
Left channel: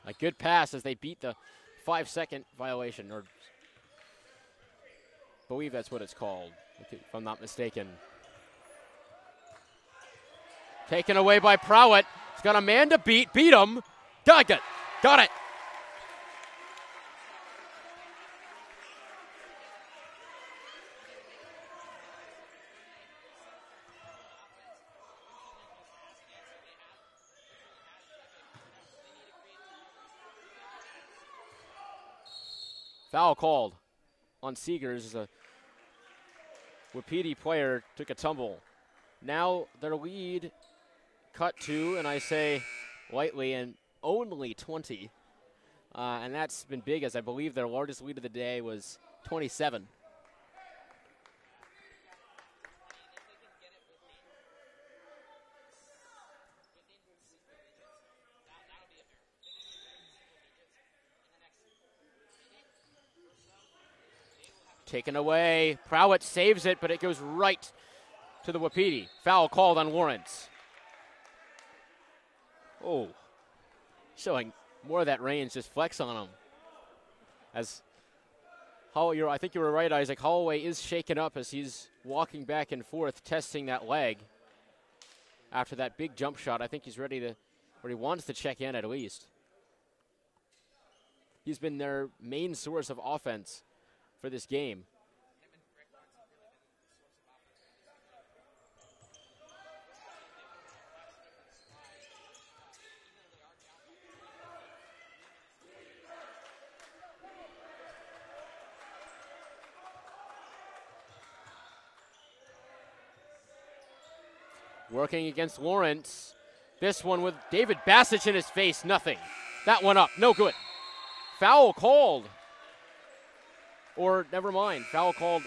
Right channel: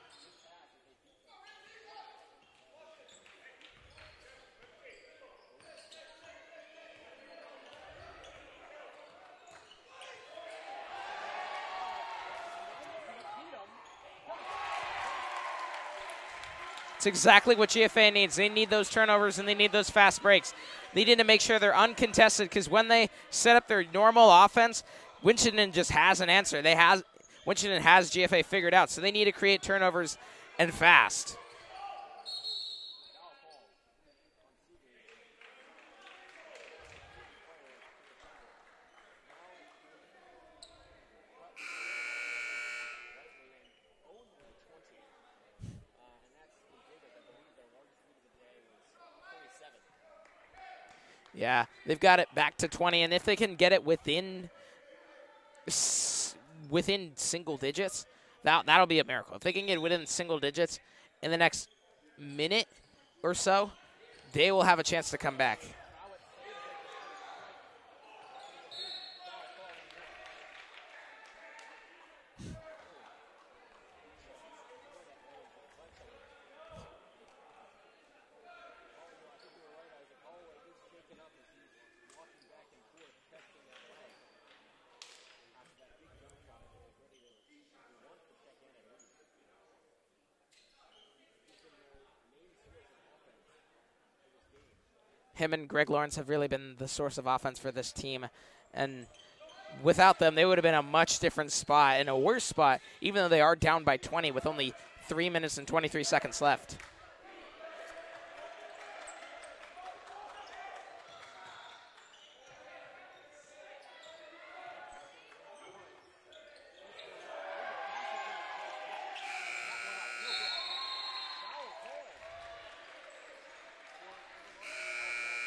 A good pass as they beat the 5-second violation, or I believe that's what it's called, if I'm not mistaken. Taken away by Prowett. He's got a man to beat him. Got it. It's exactly what GFA needs. They need those turnovers and they need those fast breaks. They need to make sure they're uncontested, because when they set up their normal offense, Winchendon just has an answer. Winchendon has GFA figured out, so they need to create turnovers and fast. Foul called on Seegers. A Wapiti player took a tumble now their lead cut to, and I say lightly, and only 20. And that's been big, as I believe their largest lead of the day was 27. Yeah, they've got it back to 20, and if they can get it within single digits, that'll be a miracle. If they can get within single digits in the next minute or so, they will have a chance to come back. Prowett saves it, but it goes right to the Wapiti. Foul called on Lawrence. Oh, showing more of that range, just flex on him. As I think you were right, Isaac. Holloway is shaken up as he's walking back and forth, testing that leg after that big jump shot. I think he's ready to, or he wants to check in at least. He's been their main source of offense for this game. Him and Greg Lawrence have really been the source of offense for this team. And without them, they would have been a much different spot and a worse spot, even though they are down by 20 with only 3 minutes and 23 seconds left. Working against Lawrence. This one with David Bassich in his face, nothing. That one up, no good. Foul called. Or never mind, foul called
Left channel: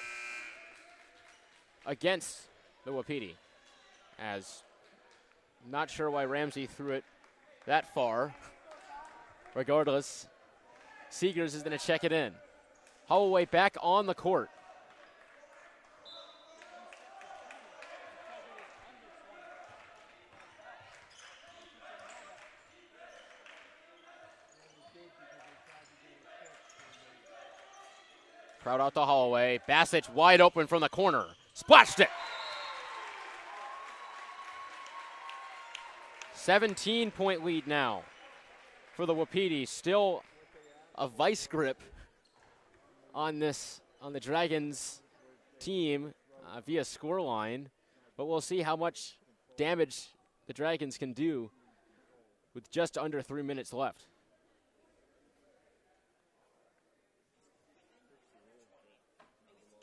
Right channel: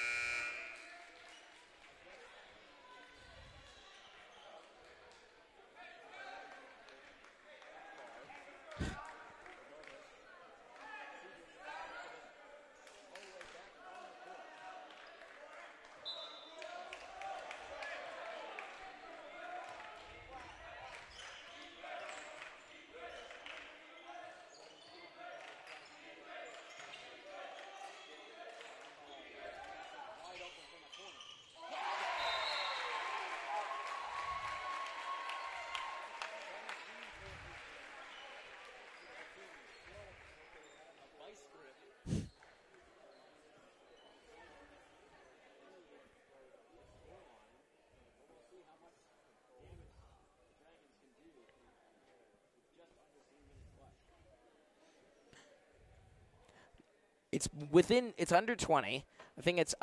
against the Wapiti. As not sure why Ramsey threw it that far. Regardless, Seegers is going to check it in. Holloway back on the court. Crowd out to Holloway. Bassich wide open from the corner. Splashed it. 17-point lead now for the Wapiti. Still a vice grip on the Dragons team via scoreline, but we'll see how much damage the Dragons can do with just under 3 minutes left. It's under 20. I think it's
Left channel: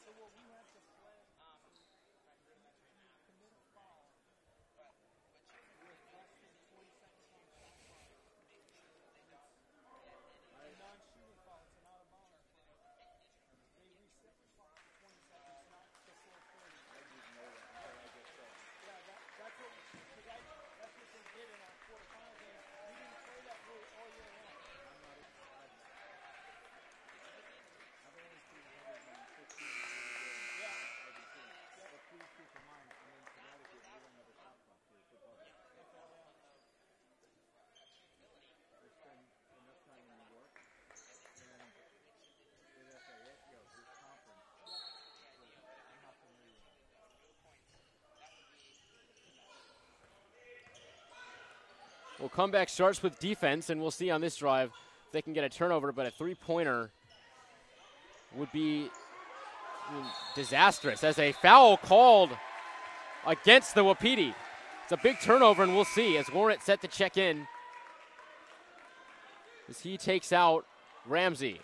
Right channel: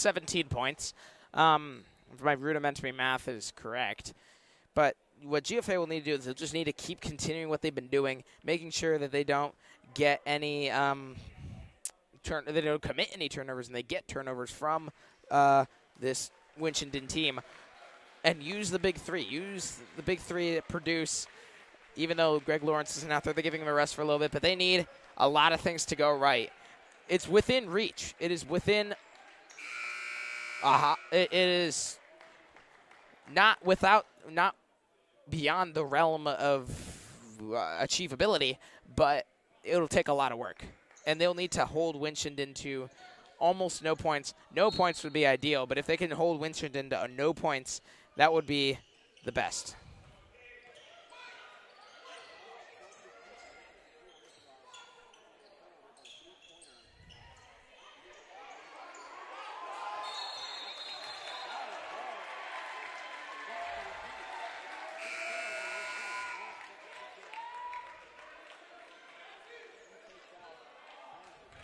17 points. If my rudimentary math is correct. But what GFA will need to do is they'll just need to keep continuing what they've been doing, making sure that they don't get any they don't commit any turnovers, and they get turnovers from this Winchendon team, and use the big three. Use the big three to produce. Even though Greg Lawrence isn't out there, they're giving him a rest for a little bit, but they need a lot of things to go right. It's within reach. It is within. It is not beyond the realm of achievability, but it'll take a lot of work, and they'll need to hold Winchendon to almost no points. No points would be ideal, but if they can hold Winchendon to no points, that would be the best. Well, comeback starts with defense, and we'll see on this drive if they can get a turnover, but a three-pointer would be disastrous as a foul called against the Wapiti. It's a big turnover, and we'll see as Lawrence set to check in as he takes out Ramsey.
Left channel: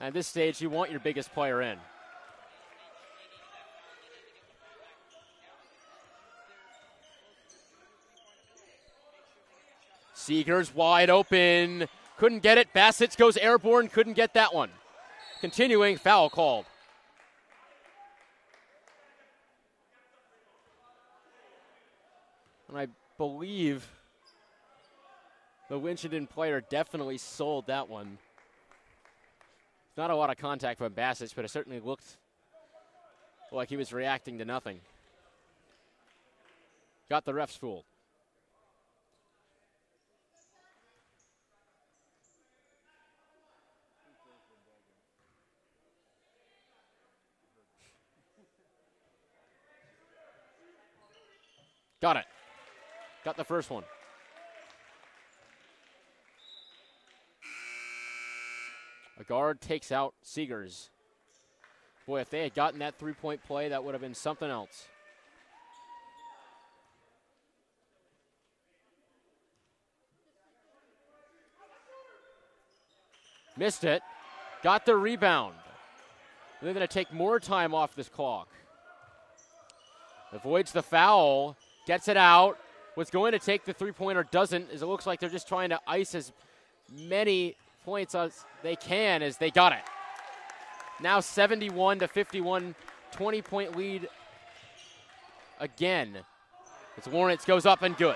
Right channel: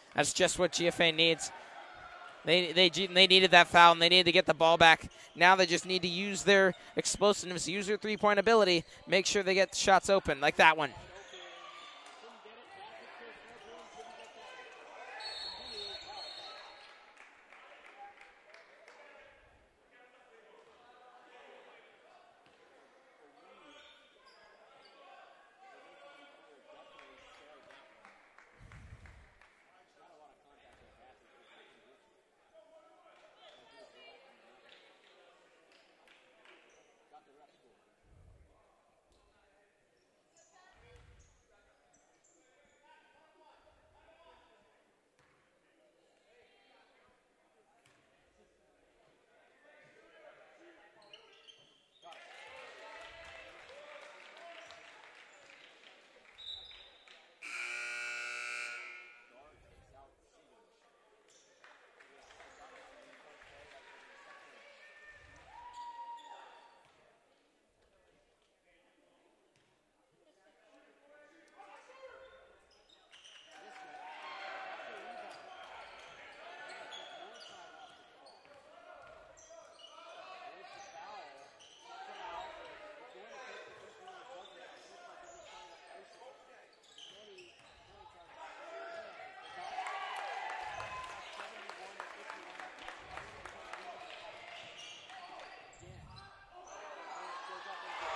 And this That's just what GFA needs. Player in. They needed that foul, and they needed to get the ball back. Now they just need to use their explosiveness, use their three-point ability, make sure they get shots open. Seegers like that one. Wide open. Couldn't get it. Bassett goes airborne. Couldn't get that one. Continuing, foul called. And I believe the Winchendon player definitely sold that one. Not a lot of contact from Bassett, but it certainly looked like he was reacting to nothing. Got the refs fooled. Got it. Got the first one. A guard takes out Seegers. Boy, if they had gotten that three-point play, that would have been something else. Missed it. got the rebound. They're going to take more time off this clock. Avoids the foul, gets it out. Was going to take the three-pointer, doesn't, as it looks like they're just trying to ice as many points as they can as they got it. Now 71-51, 20-point lead again. It's Lawrence goes up and good.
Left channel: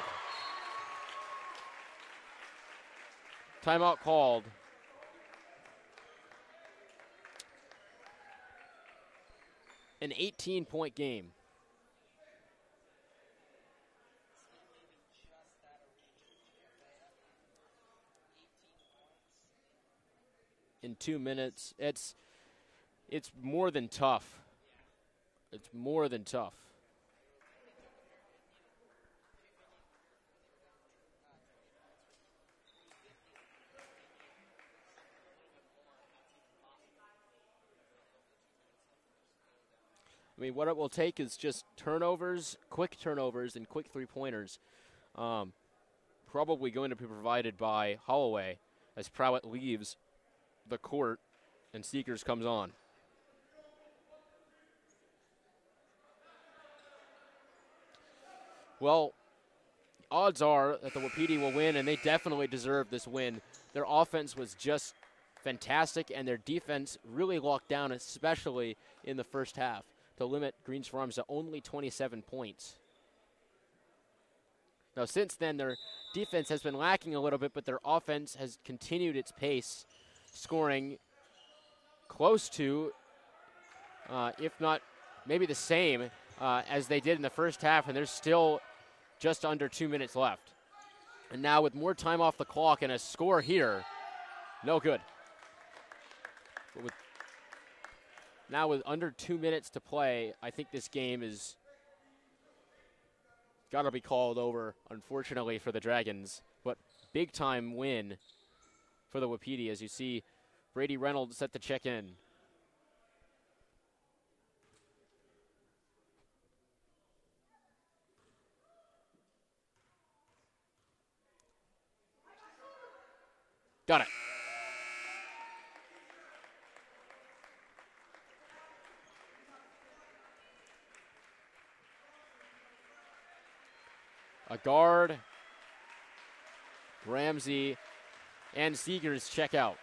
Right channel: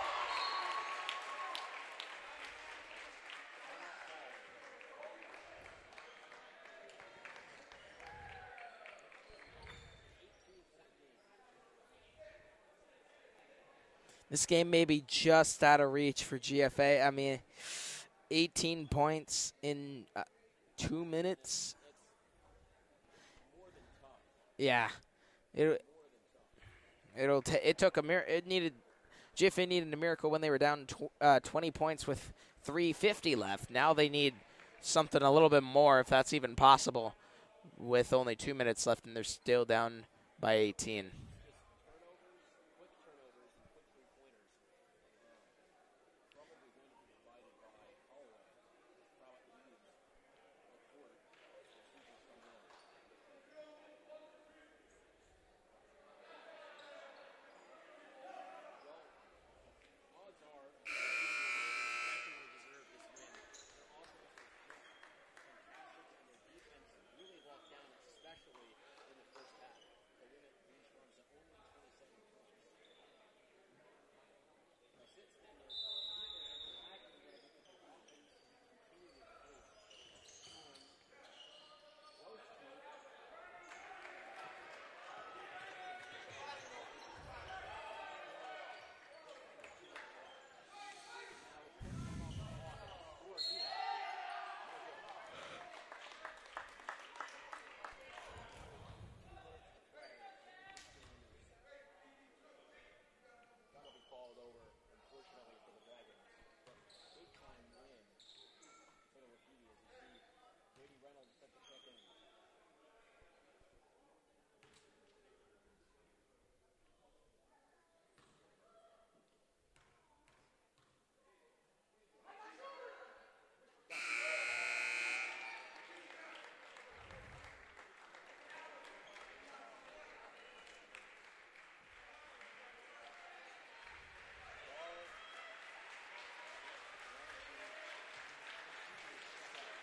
Timeout called. An 18-point game. This game may be just out of reach for GFA. I mean, 18 points in two minutes. It's more than tough. Yeah, it's more than tough. GFA needed a miracle when they were down 20 points with 3:50 left. Now they need something a little bit more, if that's even possible, with only 2 minutes left, and they're still down. I mean, what it will take is just turnovers, quick turnovers, and quick three-pointers. Probably going to be provided by Holloway as Prowett leaves the court and Seekers comes on. Well, odds are that the Wapiti will win, and they definitely deserve this win. Their offense was just fantastic, and their defense really locked down, especially in the first half, to limit Greens Farms to only 27 points. Now, since then, their defense has been lacking a little bit, but their offense has continued its pace, scoring close to, if not maybe the same, as they did in the first half, and there's still just under 2 minutes left. And now with more time off the clock and a score here, no good. Now with under 2 minutes to play, I think this game is got to be called over, unfortunately, for the Dragons. But big time win for the Wapiti, as you see Brady Reynolds set to check in. Got it. A guard, Ramsey, and Seegers check out.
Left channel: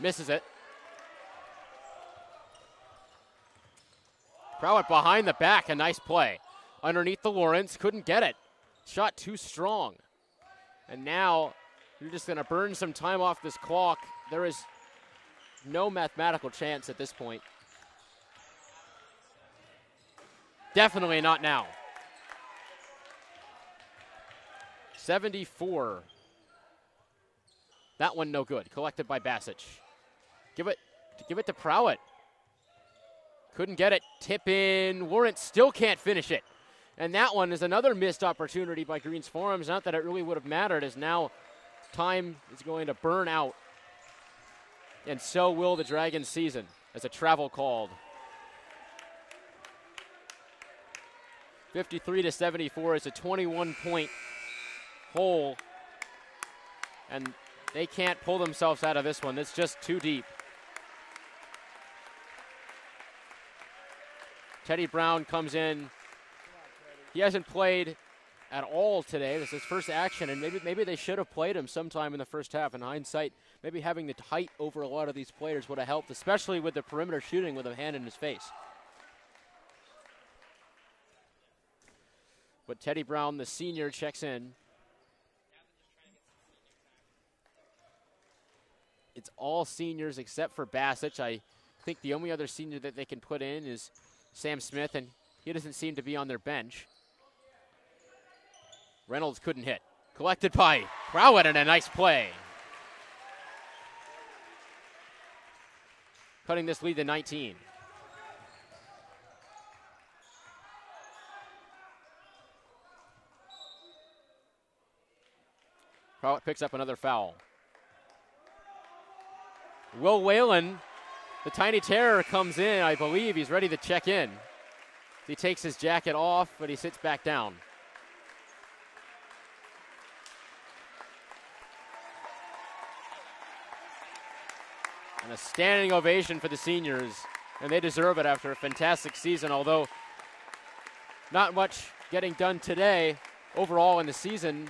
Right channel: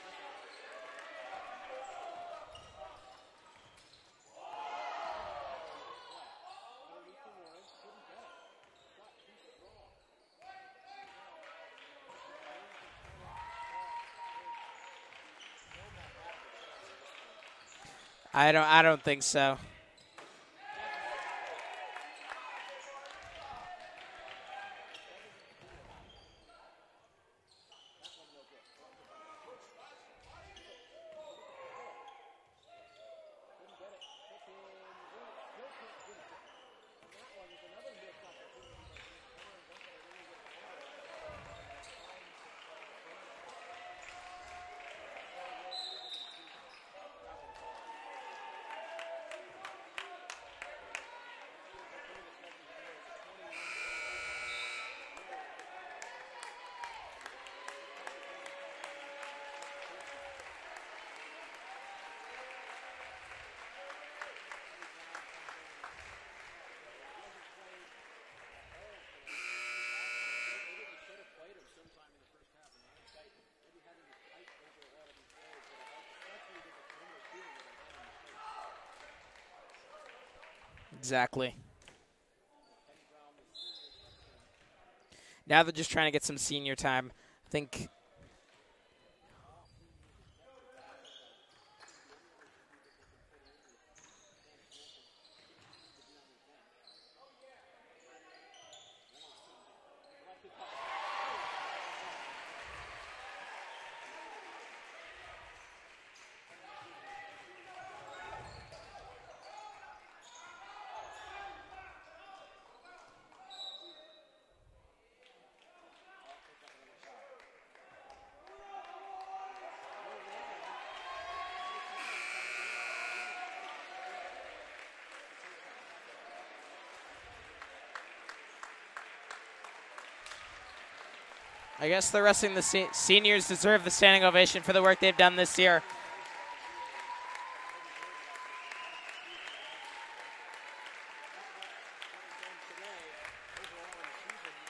Misses it. Prowett behind the back, a nice play. Underneath the Lawrence, couldn't get it. Shot too strong. And now you're just going to burn some time off this clock. There is no mathematical chance at this point. I don't think so. Definitely not now. 74. That one no good. Collected by Basic. Give it to Prowett. Couldn't get it. Tip in. Lawrence still can't finish it. And that one is another missed opportunity by Greens Farms. Not that it really would have mattered, as now time is going to burn out. And so will the Dragons season as a travel called. 53-74 is a 21-point hole. And they can't pull themselves out of this one. It's just too deep. Teddy Brown comes in. He hasn't played at all today. This is his first action, and maybe they should have played him sometime in the first half. In hindsight, maybe having the height over a lot of these players would have helped, especially with the perimeter shooting with a hand in his face. Exactly. But Teddy Brown, the senior, checks in. Now they're just trying to get some senior time. I think it's all seniors except for Basic. I think the only other senior that they can put in is Sam Smith, and he doesn't seem to be on their bench. Reynolds couldn't hit. Collected by Prowett, and a nice play. Cutting this lead to 19. Prowett picks up another foul. Will Whalen, the Tiny Terror, comes in. I believe he's ready to check in. He takes his jacket off, but he sits back down. I guess the rest of the seniors deserve the standing ovation for the work they've done this year. Standing ovation for the seniors, and they deserve it after a fantastic season, although not much getting done today overall in the season.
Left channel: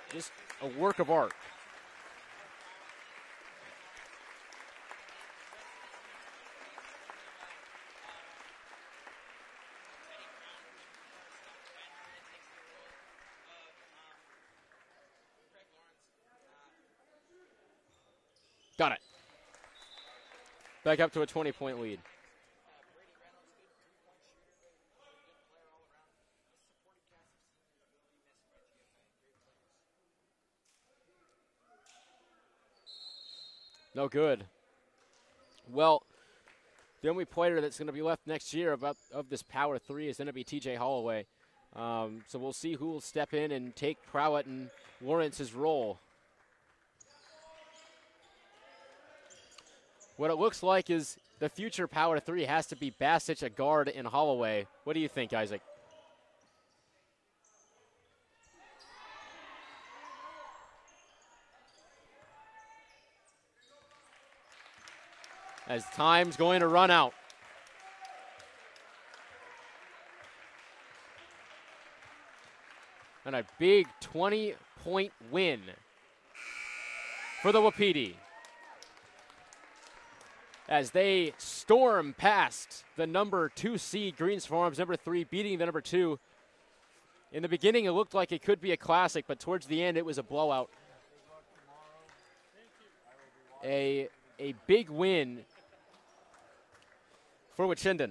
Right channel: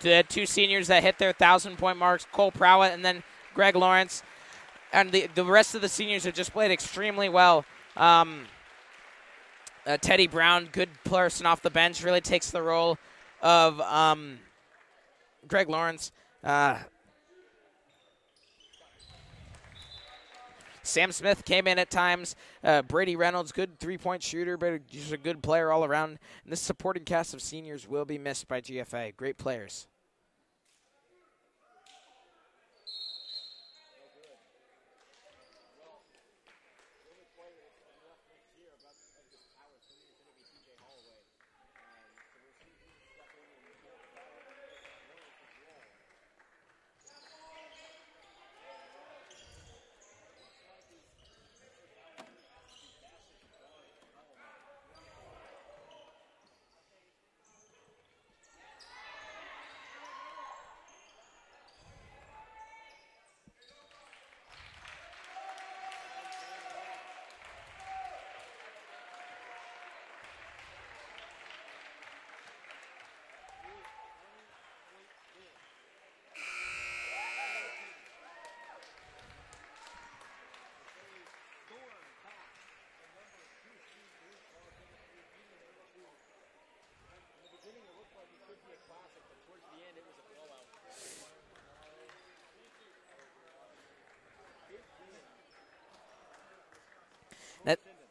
The two seniors that hit their 1,000-point marks, Cole Prowett and then Greg Lawrence. And the rest of the seniors have just played extremely well. Teddy Brown, good person off the bench, really takes the role of Greg Lawrence. Got it. Sam Smith came in at times. Brady Reynolds, good three-point shooter, but he's a good player all around. And this supporting cast of seniors will be missed by GFA. Great players. No good. Well, the only player that's going to be left next year of this Power 3 is going to be TJ Holloway. So we'll see who will step in and take Prowett and Lawrence's role. What it looks like is the future Power 3 has to be Bassich, a guard, and Holloway. What do you think, Isaac? As time's going to run out. And a big 20-point win for the Wapiti, as they storm past the number 2 seed Greens Farms, number 3, beating the number 2. In the beginning, it looked like it could be a classic, but towards the end, it was a blowout. A big win for Winchendon.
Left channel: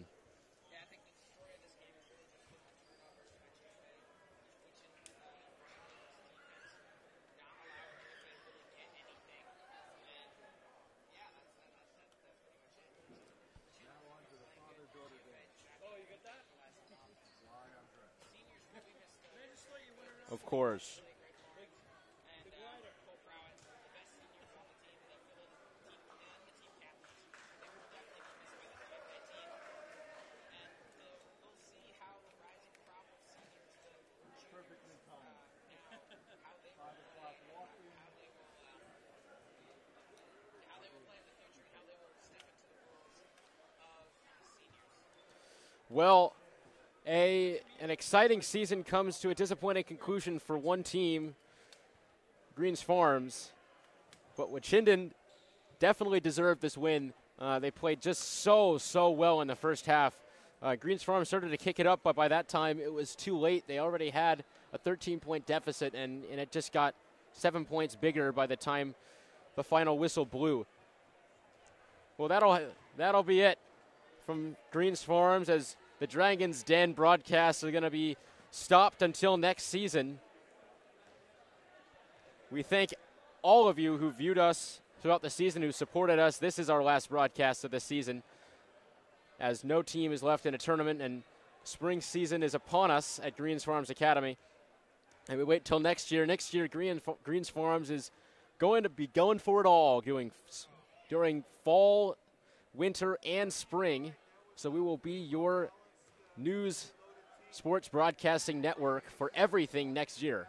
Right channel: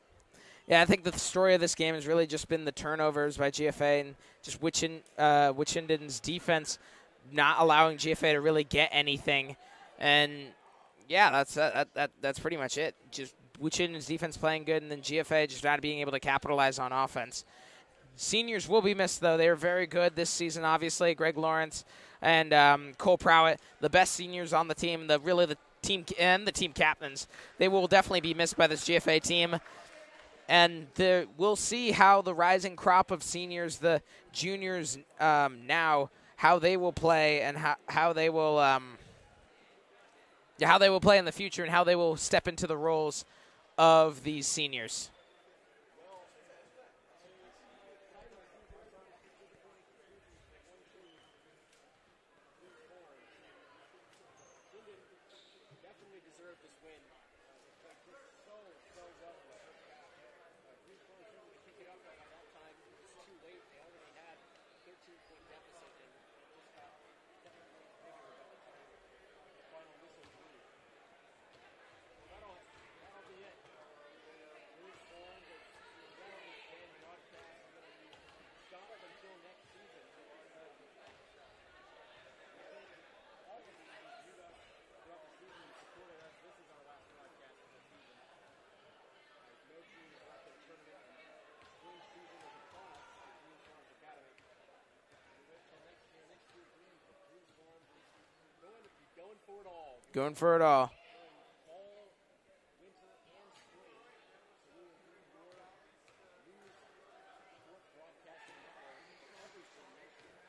Yeah, I think the story of this game has really just been the turnovers by GFA and just Winchendon's defense not allowing GFA to really get anything. And yeah, that's pretty much it. Just Winchendon's defense playing good, and then GFA just not being able to capitalize on offense. Seniors will be missed, though. They're very good this season, obviously. Greg Lawrence and Cole Prowett, the best seniors on the team, the team and the team captains. They will definitely be missed by this GFA team. And we'll see how the rising crop of seniors, the juniors now, how they will play and how they will play in the future and how they will step into the roles of these seniors. Well, an exciting season comes to a disappointing conclusion for one team, Greens Farms, but Winchendon definitely deserved this win. They played just so well in the first half. Greens Farms started to kick it up, but by that time it was too late. They already had a 13-point deficit, and it just got 7 points bigger by the time the final whistle blew. Well, that'll be it from Greens Farms, as the Dragons' Den broadcasts are going to be stopped until next season. We thank all of you who viewed us throughout the season, who supported us. This is our last broadcast of the season, as no team is left in a tournament and spring season is upon us at Greens Farms Academy. And we wait till next year. Next year, Greens Farms is going to be going for it all. Going for it all. During fall, winter, and spring. So we will be your news sports broadcasting network for everything next year.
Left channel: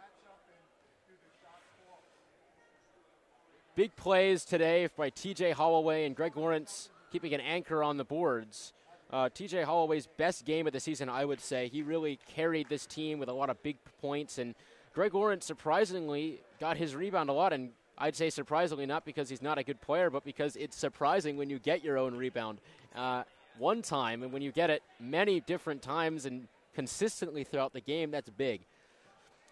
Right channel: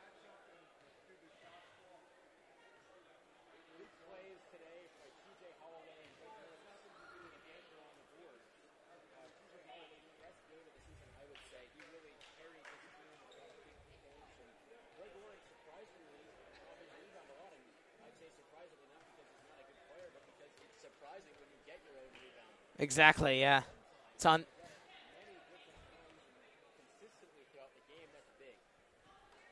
Big plays today by TJ Holloway and Greg Lawrence, keeping an anchor on the boards. TJ Holloway's best game of the season, I would say. He really carried this team with a lot of big points, and Greg Lawrence surprisingly got his rebound a lot, and I'd say surprisingly not because he's not a good player, but because it's surprising when you get your own rebound. Exactly, yeah. One time, and when you get it many different times and consistently throughout the game, that's big.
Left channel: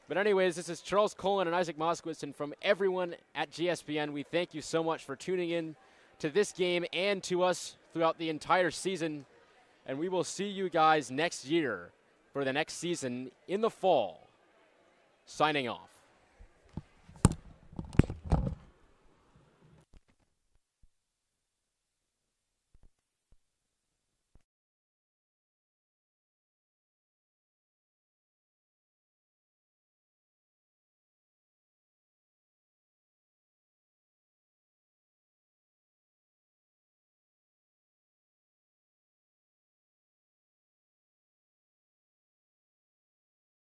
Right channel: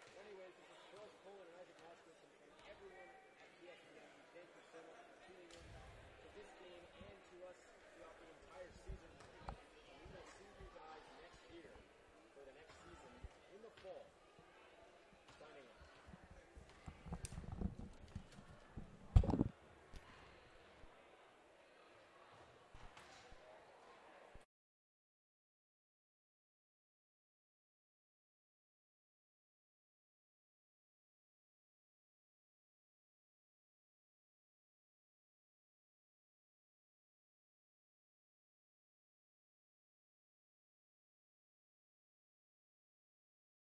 But anyways, this is Charles Cullen and Isaac Moskowitz, and from everyone at GSPN, we thank you so much for tuning in to this game and to us throughout the entire season. And we will see you guys next year for the next season in the fall. Signing off.